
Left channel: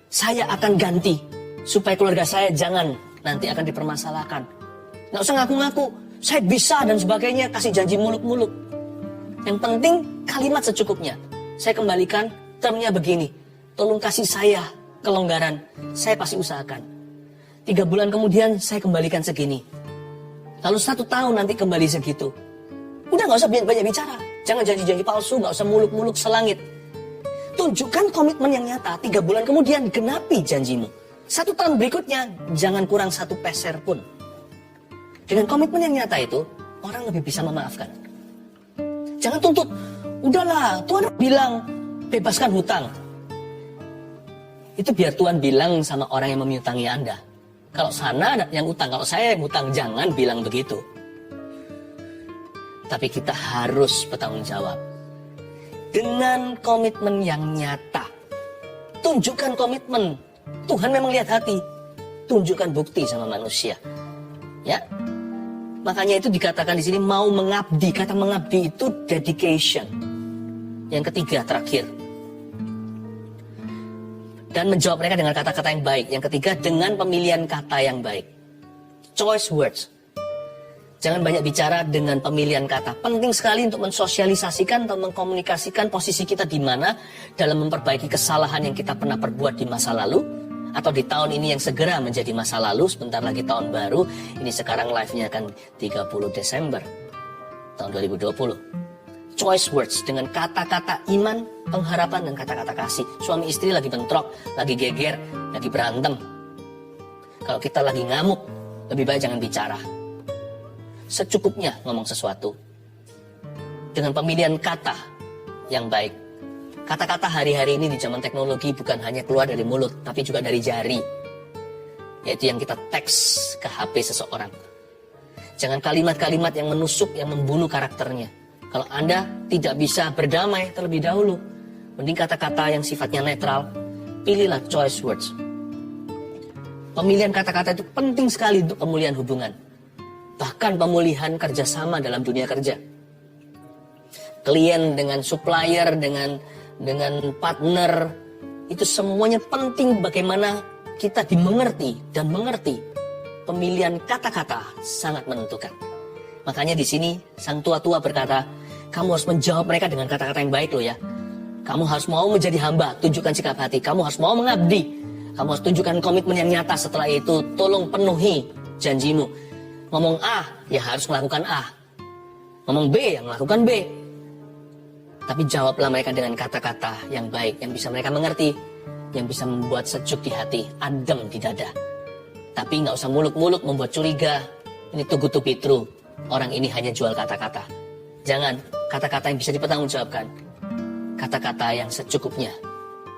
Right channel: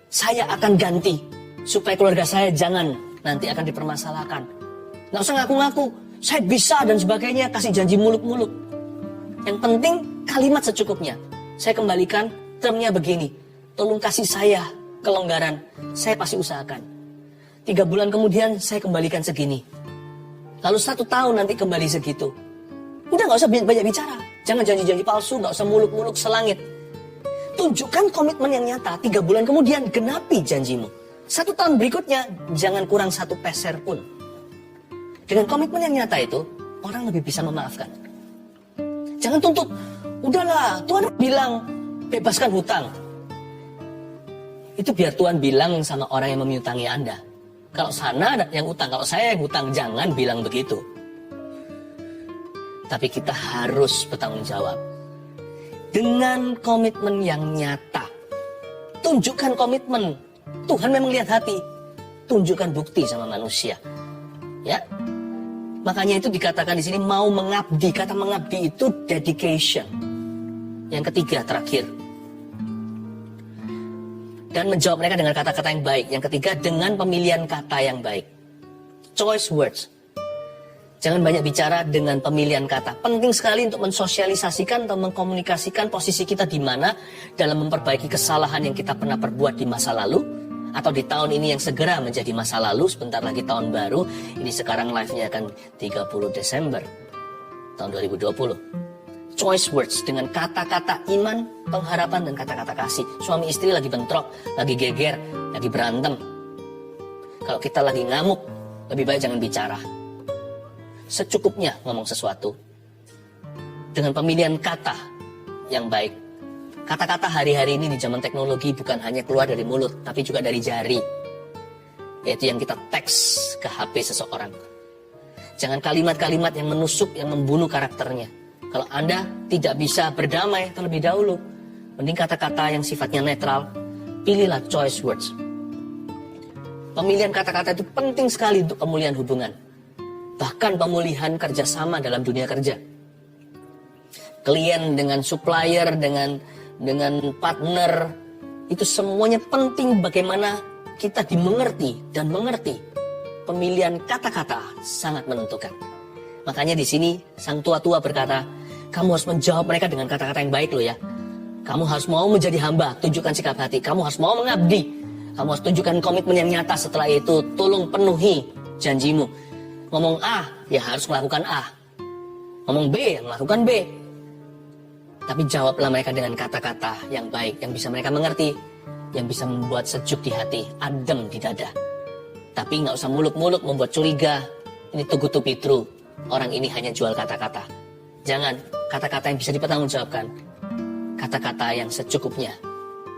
Saya akan ganti, supaya keluarga saya jangan nanti akan dipermasalahkan. Nggak usah ngaku-ngaku, saya bisa dan sebagainya, kasih janji muluk-muluk. Yang penting kalimat secukupnya. Saya kembalikan, termnya begini. Tolong kasih saya kelonggaran, saya pasti usahakan. 3 bulan kemudian saya kembalikan segini. Lalu 1 tahun nanti kembali segitu. Udah nggak usah banyak bicara. Jangan janji-janji palsu, nggak usah muluk-muluk selangit. Tunjukkan komitmen yang nyata. 3 bulan kemudian genapi janjimu. 1 tahun berikutnya, jangan kurang 1 peser pun. Dengan komitmen yang nyata itu, orang lebih bisa memaafkan. Jangan tuntut, udahlah, Tuhan bilang, bebaskan hutang. Itu biar Tuhan bilang sama orang yang memiutangi Anda. Kalau sana ada yang hutang, kalau saya yang hutang, jangan bilang begitu. Tapi kita harus bertanggung jawab. Dengan komitmen yang nyata. Tunjukkan komitmen. Tuhan memang lihat hati. Tunjukkan bukti sama manusia. Ya. Makanya itu dikatakan di sini mau mengabdi. Kata mengabdi itu dedication. Yang ketiga, terakhir. Dan menjawab mereka dengan kata-kata yang baik. Yang ketiga, dengan pemilihan kata yang baik. Choice words. Jangan banyak bicara dengan pemilihan kata. Penting sekali untuk mensosialisasikan atau mengkomunikasikan posisi kita di mana dalam memperbaiki kesalahan yang kita pernah perbuat di masa lalu. Atau di tahun ini yang segera menjadi masa lalu. Sebentar lagi tahun baru. Ini sekarang live-nya akan 30 Desember tahun 2020. Choice words dengan kata-kata iman, pengharapan, dan kata-kata kasih. Suami istri lagi bentrok, lagi geger, lagi berantem. Kalau kita lagi ngamuk, lebih baik jangan bicara. Secukupnya ngomong sesuatu. Dengan pemilihan kata yang baik. Kata-kata hari-hari ini di zaman teknologi bukan hanya keluar dari mulut, tapi juga dari jari. Yaitu yang kita teks ke HP seseorang. Jangan kalimat-kalimat yang menusuk, yang membunuh karakternya. Kalau Anda tidak bisa berdamai terlebih dahulu, mending kata-kata yang sifatnya netral, pilihlah choice words. Pemilihan kata-kata itu penting sekali untuk pemulihan hubungan. Bahkan pemulihan kerjasama dalam dunia kerja. klien, dengan supplier, dengan partner. Itu semuanya penting bagaimana kita dimengerti dan mengerti. Pemilihan kata-kata sangat menentukan. Makanya di sini sang tua-tua berkata, kamu harus menjawab mereka dengan kata-kata yang baik loh ya. Kamu harus mau menjadi hamba, tunjukkan sikap hati. Kamu harus mau mengabdi. Kamu harus tunjukkan komitmen yang nyata. Setelah itu tolong penuhi janjimu. Ngomong A, ya harus melakukan A. Ngomong B, ya melakukan B. Tapi jawablah mereka dengan kata-kata yang baik, yang bisa mereka mengerti, yang bisa membuat sejuk di hati, adem di dada. Tapi nggak usah muluk-muluk membuat curiga. Ini too good to be true. Orang ini hanya jual kata-kata. Jangan, kata-kata yang bisa dipertanggungjawabkan. Kata-kata yang secukupnya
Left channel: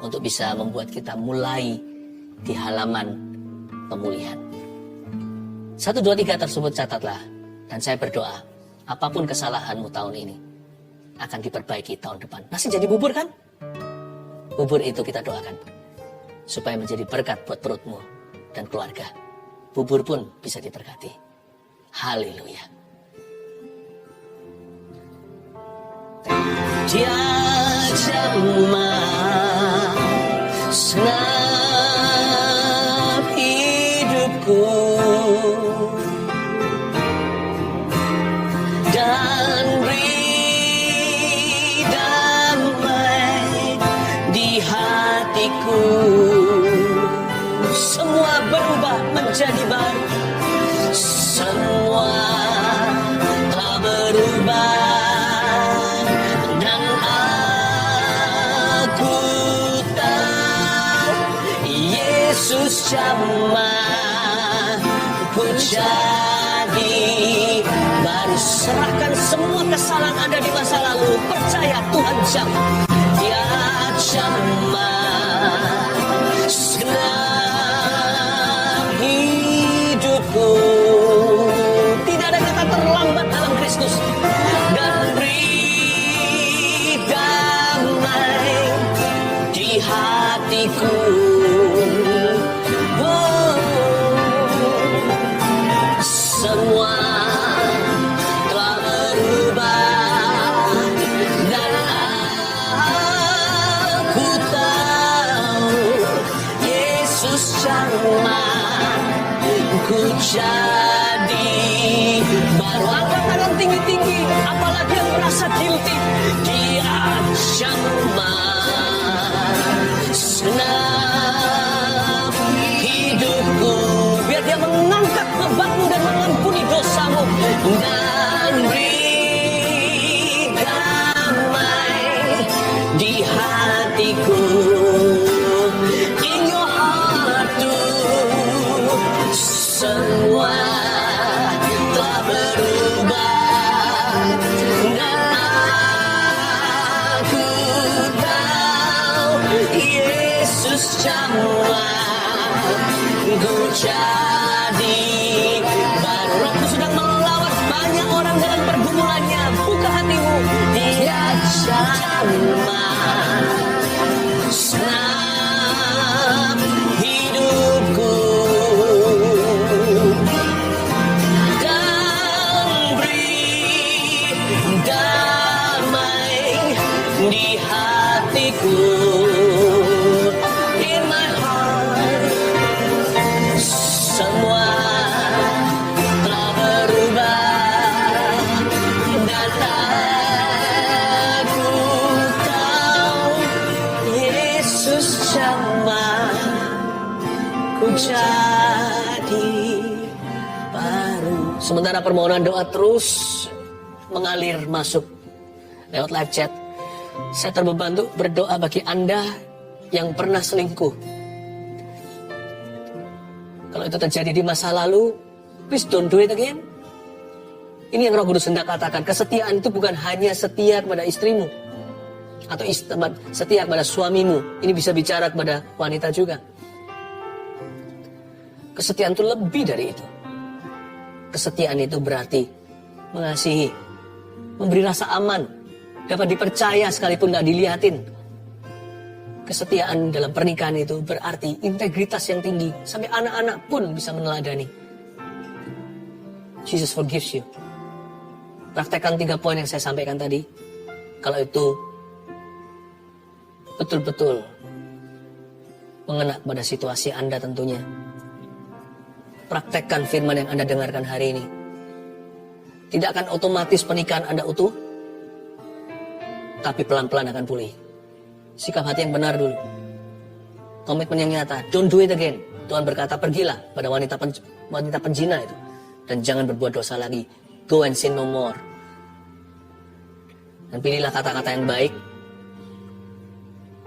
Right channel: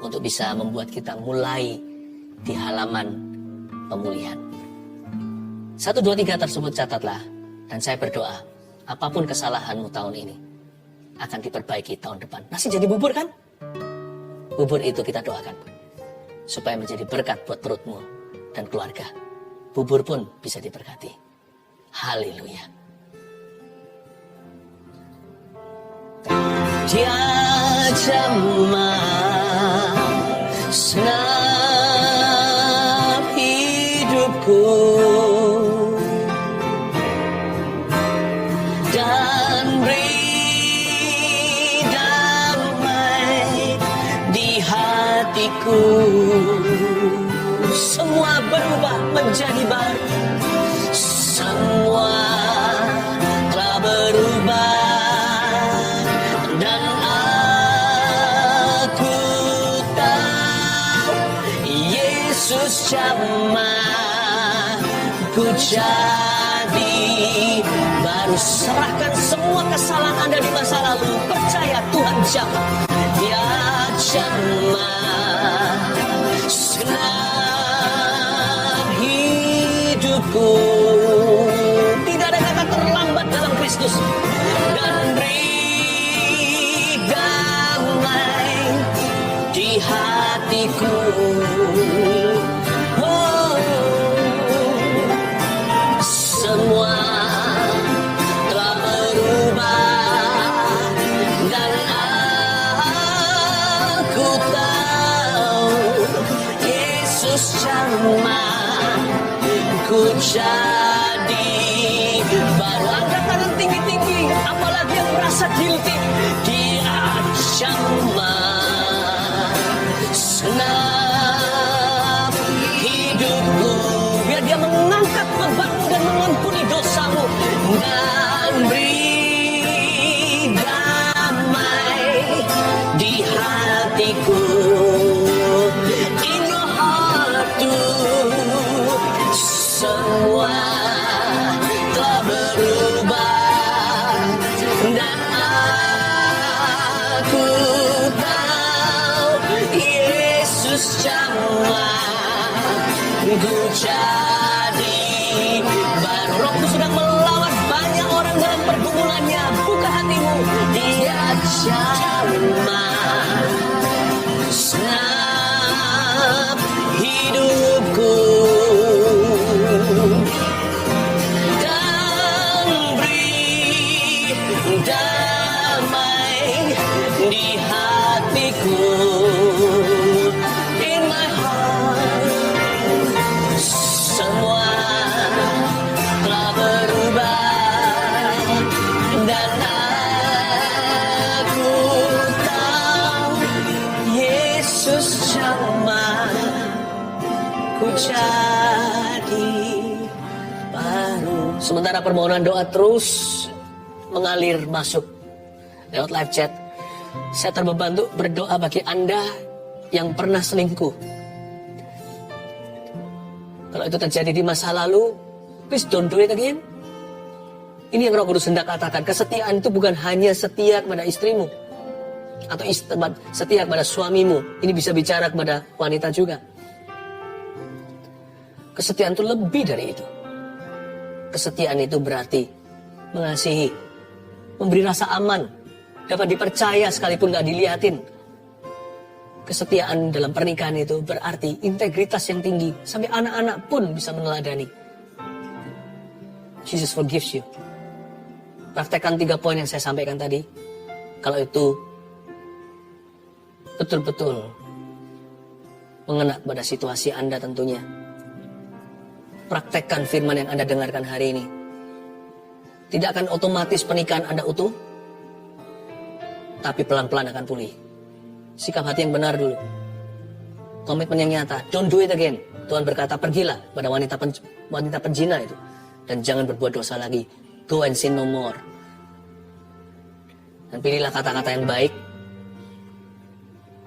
untuk bisa membuat kita mulai di halaman pemulihan. 1, 2, 3 tersebut catatlah. Dan saya berdoa, apapun kesalahanmu tahun ini akan diperbaiki tahun depan. Masih jadi bubur kan? Bubur itu kita doakan supaya menjadi berkat buat perutmu dan keluarga. Bubur pun bisa diberkati. Haleluya. Dia jamah senang hidupku dan beri damai di hatiku. Semua berubah menjadi baru. Semua telah berubah dan aku tahu Yesus jamah ku jadi baru. Serahkan semua kesalahan Anda di masa lalu. Percaya Tuhan jamah. Dia jamah senang hidupku. Tidak ada kata terlambat dalam Kristus. Dan beri damai di hatiku. Semua telah berubah dan aku tahu Yesus jamah ku jadi baru. Angkat tangan tinggi-tinggi, apalagi yang merasa guilty. Dia jamah senang hidupku. Biar dia mengangkat bebanmu dan mengampuni dosamu. Dan beri damai di hatiku. In your heart too. Semua telah berubah dan aku tahu Yesus jamah ku jadi baru. Rohku sedang melawan banyak orang dalam pergumulannya. Buka hatimu. Dia jamah senang hidupku dan beri damai di hatiku. In my heart semua telah berubah dan aku tahu Yesus jamah ku jadi baru. Sementara permohonan doa terus mengalir masuk lewat live chat, saya terbeban untuk berdoa bagi Anda yang pernah selingkuh. Kalau itu terjadi di masa lalu, please don't do it again. Ini yang Roh Kudus hendak katakan. Kesetiaan itu bukan hanya setia kepada istrimu atau setia kepada suamimu. Ini bisa bicara kepada wanita juga. Kesetiaan itu lebih dari itu. Kesetiaan itu berarti mengasihi, memberi rasa aman, dapat dipercaya sekalipun gak dilihatin. Kesetiaan dalam pernikahan itu berarti integritas yang tinggi. Sampai anak-anak pun bisa meneladani. Jesus forgives you. Praktekkan 3 poin yang saya sampaikan tadi. Kalau itu betul-betul mengena pada situasi Anda tentunya. Praktekkan firman yang Anda dengarkan hari ini. Tidak akan otomatis pernikahan Anda utuh, tapi pelan-pelan akan pulih. Sikap hati yang benar dulu. Komitmen yang nyata. Don't do it again. Tuhan berkata, pergilah pada wanita penzina itu. Dan jangan berbuat dosa lagi. Go and sin no more. Dan pilihlah kata-kata yang baik.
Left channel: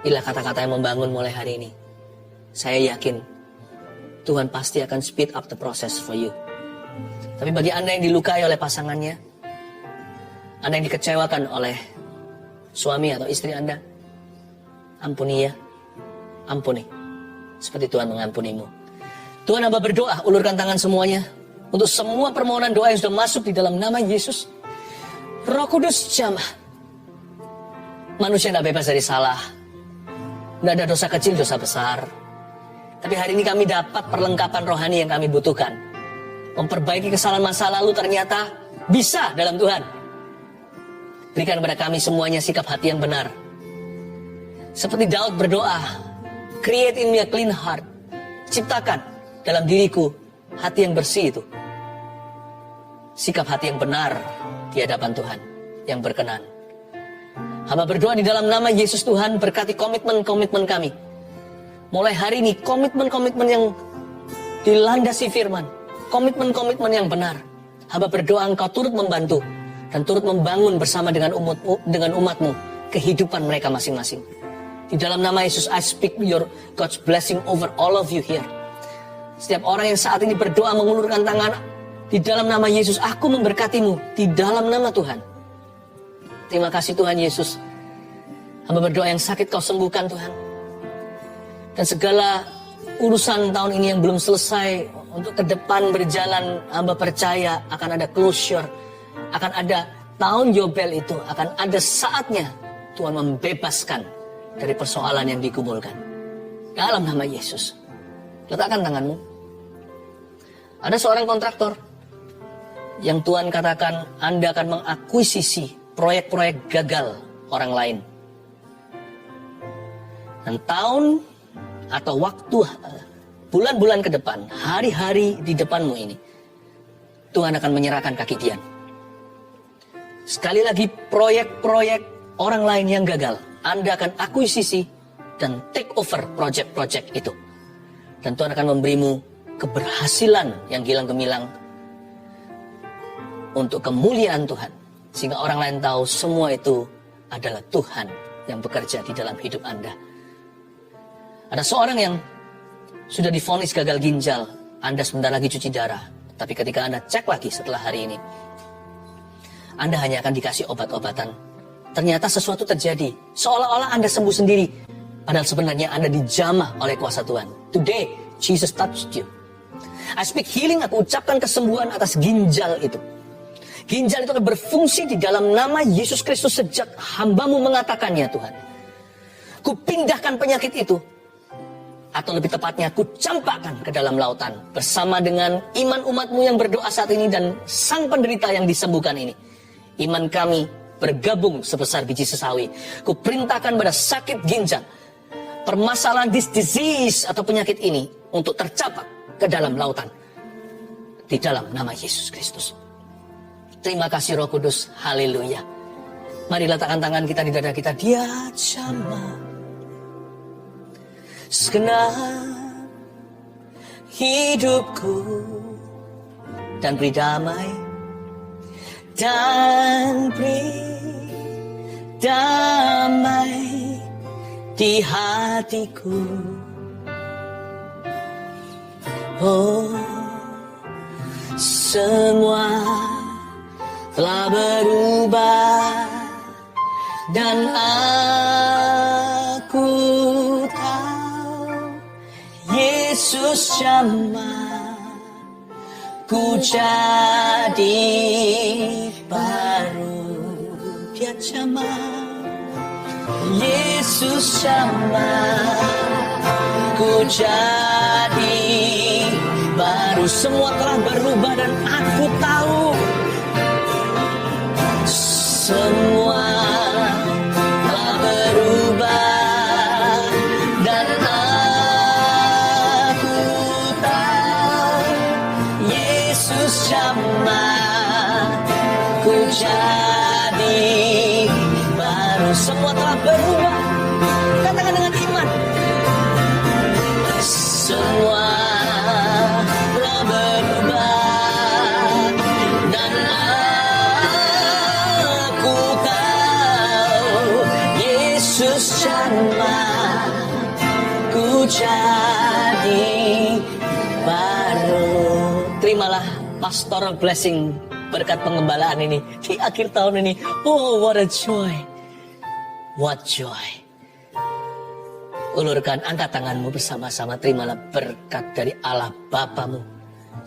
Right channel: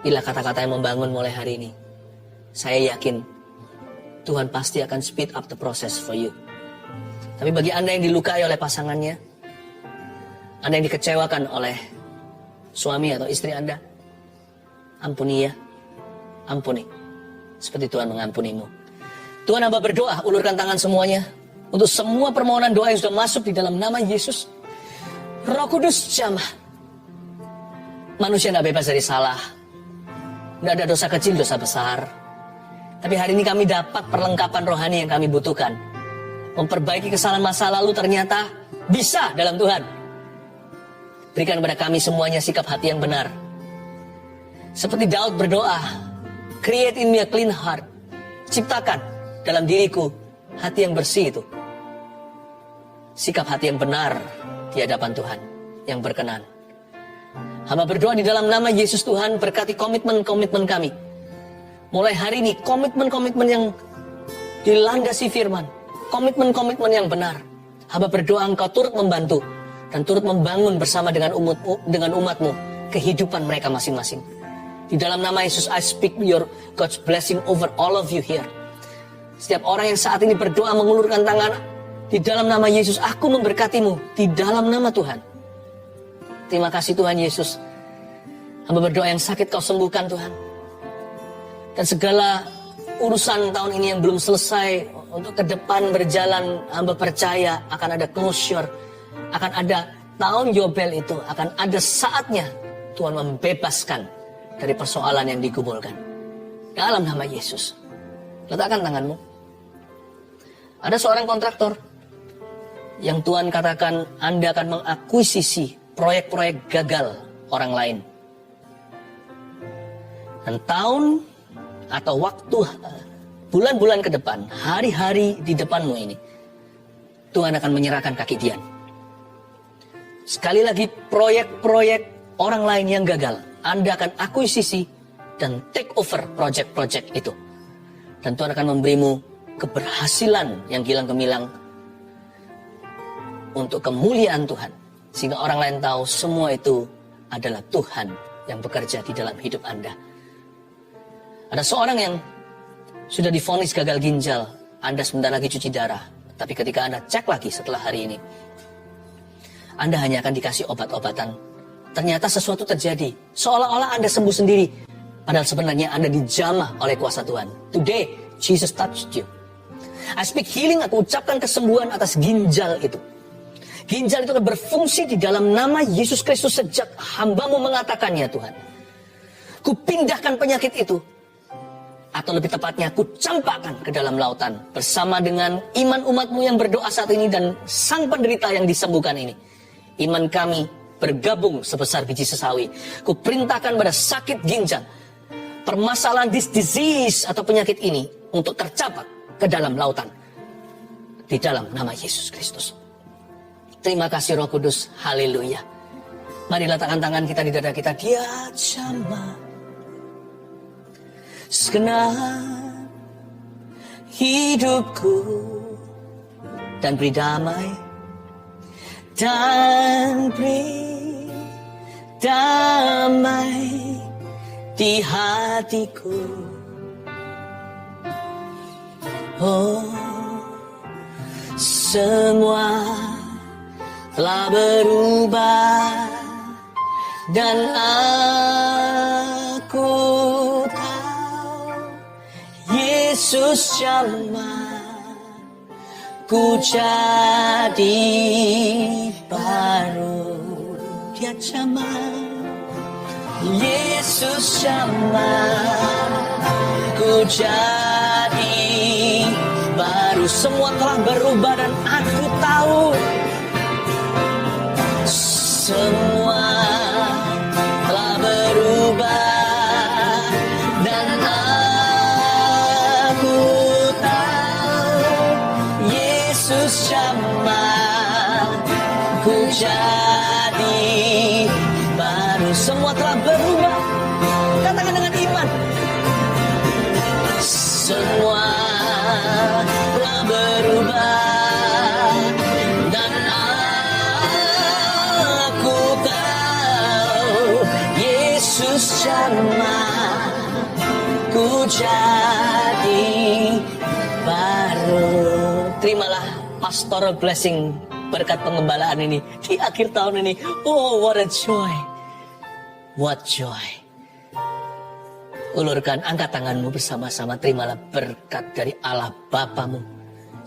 Pilihlah kata-kata yang membangun mulai hari ini. Saya yakin Tuhan pasti akan speed up the process for you. Tapi bagi Anda yang dilukai oleh pasangannya, Anda yang dikecewakan oleh suami atau istri Anda, ampuni ya. Ampuni. Seperti Tuhan mengampunimu. Tuhan, hamba berdoa, ulurkan tangan semuanya. Untuk semua permohonan doa yang sudah masuk di dalam nama Yesus. Roh Kudus jamah. Manusia tidak bebas dari salah. Tidak ada dosa kecil, dosa besar. Tapi hari ini kami dapat perlengkapan rohani yang kami butuhkan. Memperbaiki kesalahan masa lalu ternyata bisa dalam Tuhan. Berikan kepada kami semuanya sikap hati yang benar. Seperti Daud berdoa, create in me a clean heart. Ciptakan dalam diriku hati yang bersih itu. Sikap hati yang benar di hadapan Tuhan, yang berkenan. Hamba berdoa di dalam nama Yesus Tuhan, berkati komitmen-komitmen kami. Mulai hari ini komitmen-komitmen yang dilandasi firman. Komitmen-komitmen yang benar. Hamba berdoa Engkau turut membantu dan turut membangun bersama dengan umatmu kehidupan mereka masing-masing. Di dalam nama Yesus, I speak your God's blessing over all of you here. Setiap orang yang saat ini berdoa mengulurkan tangan, di dalam nama Yesus, aku memberkatimu. Di dalam nama Tuhan. Terima kasih Tuhan Yesus. Hamba berdoa yang sakit kau sembuhkan Tuhan. Dan segala urusan tahun ini yang belum selesai, untuk ke depan berjalan, hamba percaya akan ada closure. Akan ada tahun Yobel itu, akan ada saatnya Tuhan membebaskan dari persoalan yang digumulkan. Dalam nama Yesus. Letakkan tanganmu. Ada seorang kontraktor yang Tuhan katakan Anda akan mengakuisisi proyek-proyek gagal orang lain. Dan tahun atau waktu, bulan-bulan ke depan, hari-hari di depanmu ini, Tuhan akan menyerahkan kaki Dian. Sekali lagi, proyek-proyek orang lain yang gagal, Anda akan akuisisi dan take over project-project itu. Dan Tuhan akan memberimu keberhasilan yang gilang gemilang untuk kemuliaan Tuhan. Sehingga orang lain tahu semua itu adalah Tuhan yang bekerja di dalam hidup Anda. Ada seorang yang sudah divonis gagal ginjal. Anda sebentar lagi cuci darah. Tapi ketika Anda cek lagi setelah hari ini, Anda hanya akan dikasih obat-obatan. Ternyata sesuatu terjadi. Seolah-olah Anda sembuh sendiri. Padahal sebenarnya Anda dijamah oleh kuasa Tuhan. Today, Jesus touched you. I speak healing, aku ucapkan kesembuhan atas ginjal itu. Ginjal itu akan berfungsi di dalam nama Yesus Kristus sejak hambamu mengatakannya Tuhan. Kupindahkan penyakit itu. Atau lebih tepatnya, kucampakkan ke dalam lautan. Bersama dengan iman umatmu yang berdoa saat ini dan sang penderita yang disembuhkan ini. Iman kami bergabung sebesar biji sesawi. Kuperintahkan pada sakit ginjal. Permasalahan disease atau penyakit ini untuk tercapak ke dalam lautan. Di dalam nama Yesus Kristus. Terima kasih Roh Kudus. Haleluya. Mari letakkan tangan kita di dada kita. Dia jamah segenap hidupku dan beri damai di hatiku. Oh, semua telah berubah dan aku tahu Yesus jamah ku jadi baru. Dia jamah, Yesus jamah ku jadi baru. Semua telah berubah dan aku tahu semua jadi baru. Terimalah pastoral blessing, berkat pengembalaan ini di akhir tahun ini. Oh, what a joy. What joy. Ulurkan, angkat tanganmu bersama-sama. Terimalah berkat dari Allah Bapamu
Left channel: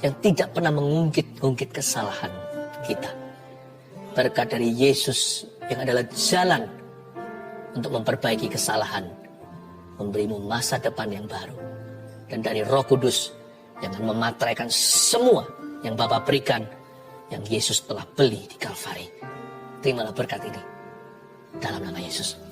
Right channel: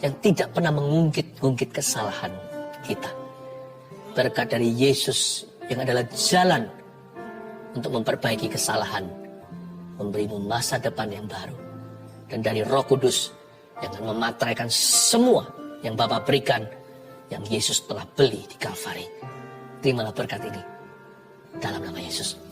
yang tidak pernah mengungkit-ungkit kesalahan kita. Berkat dari Yesus yang adalah jalan untuk memperbaiki kesalahan, memberimu masa depan yang baru. Dan dari Roh Kudus yang akan memateraikan semua yang Bapa berikan, yang Yesus telah beli di Kalvari. Terimalah berkat ini dalam nama Yesus.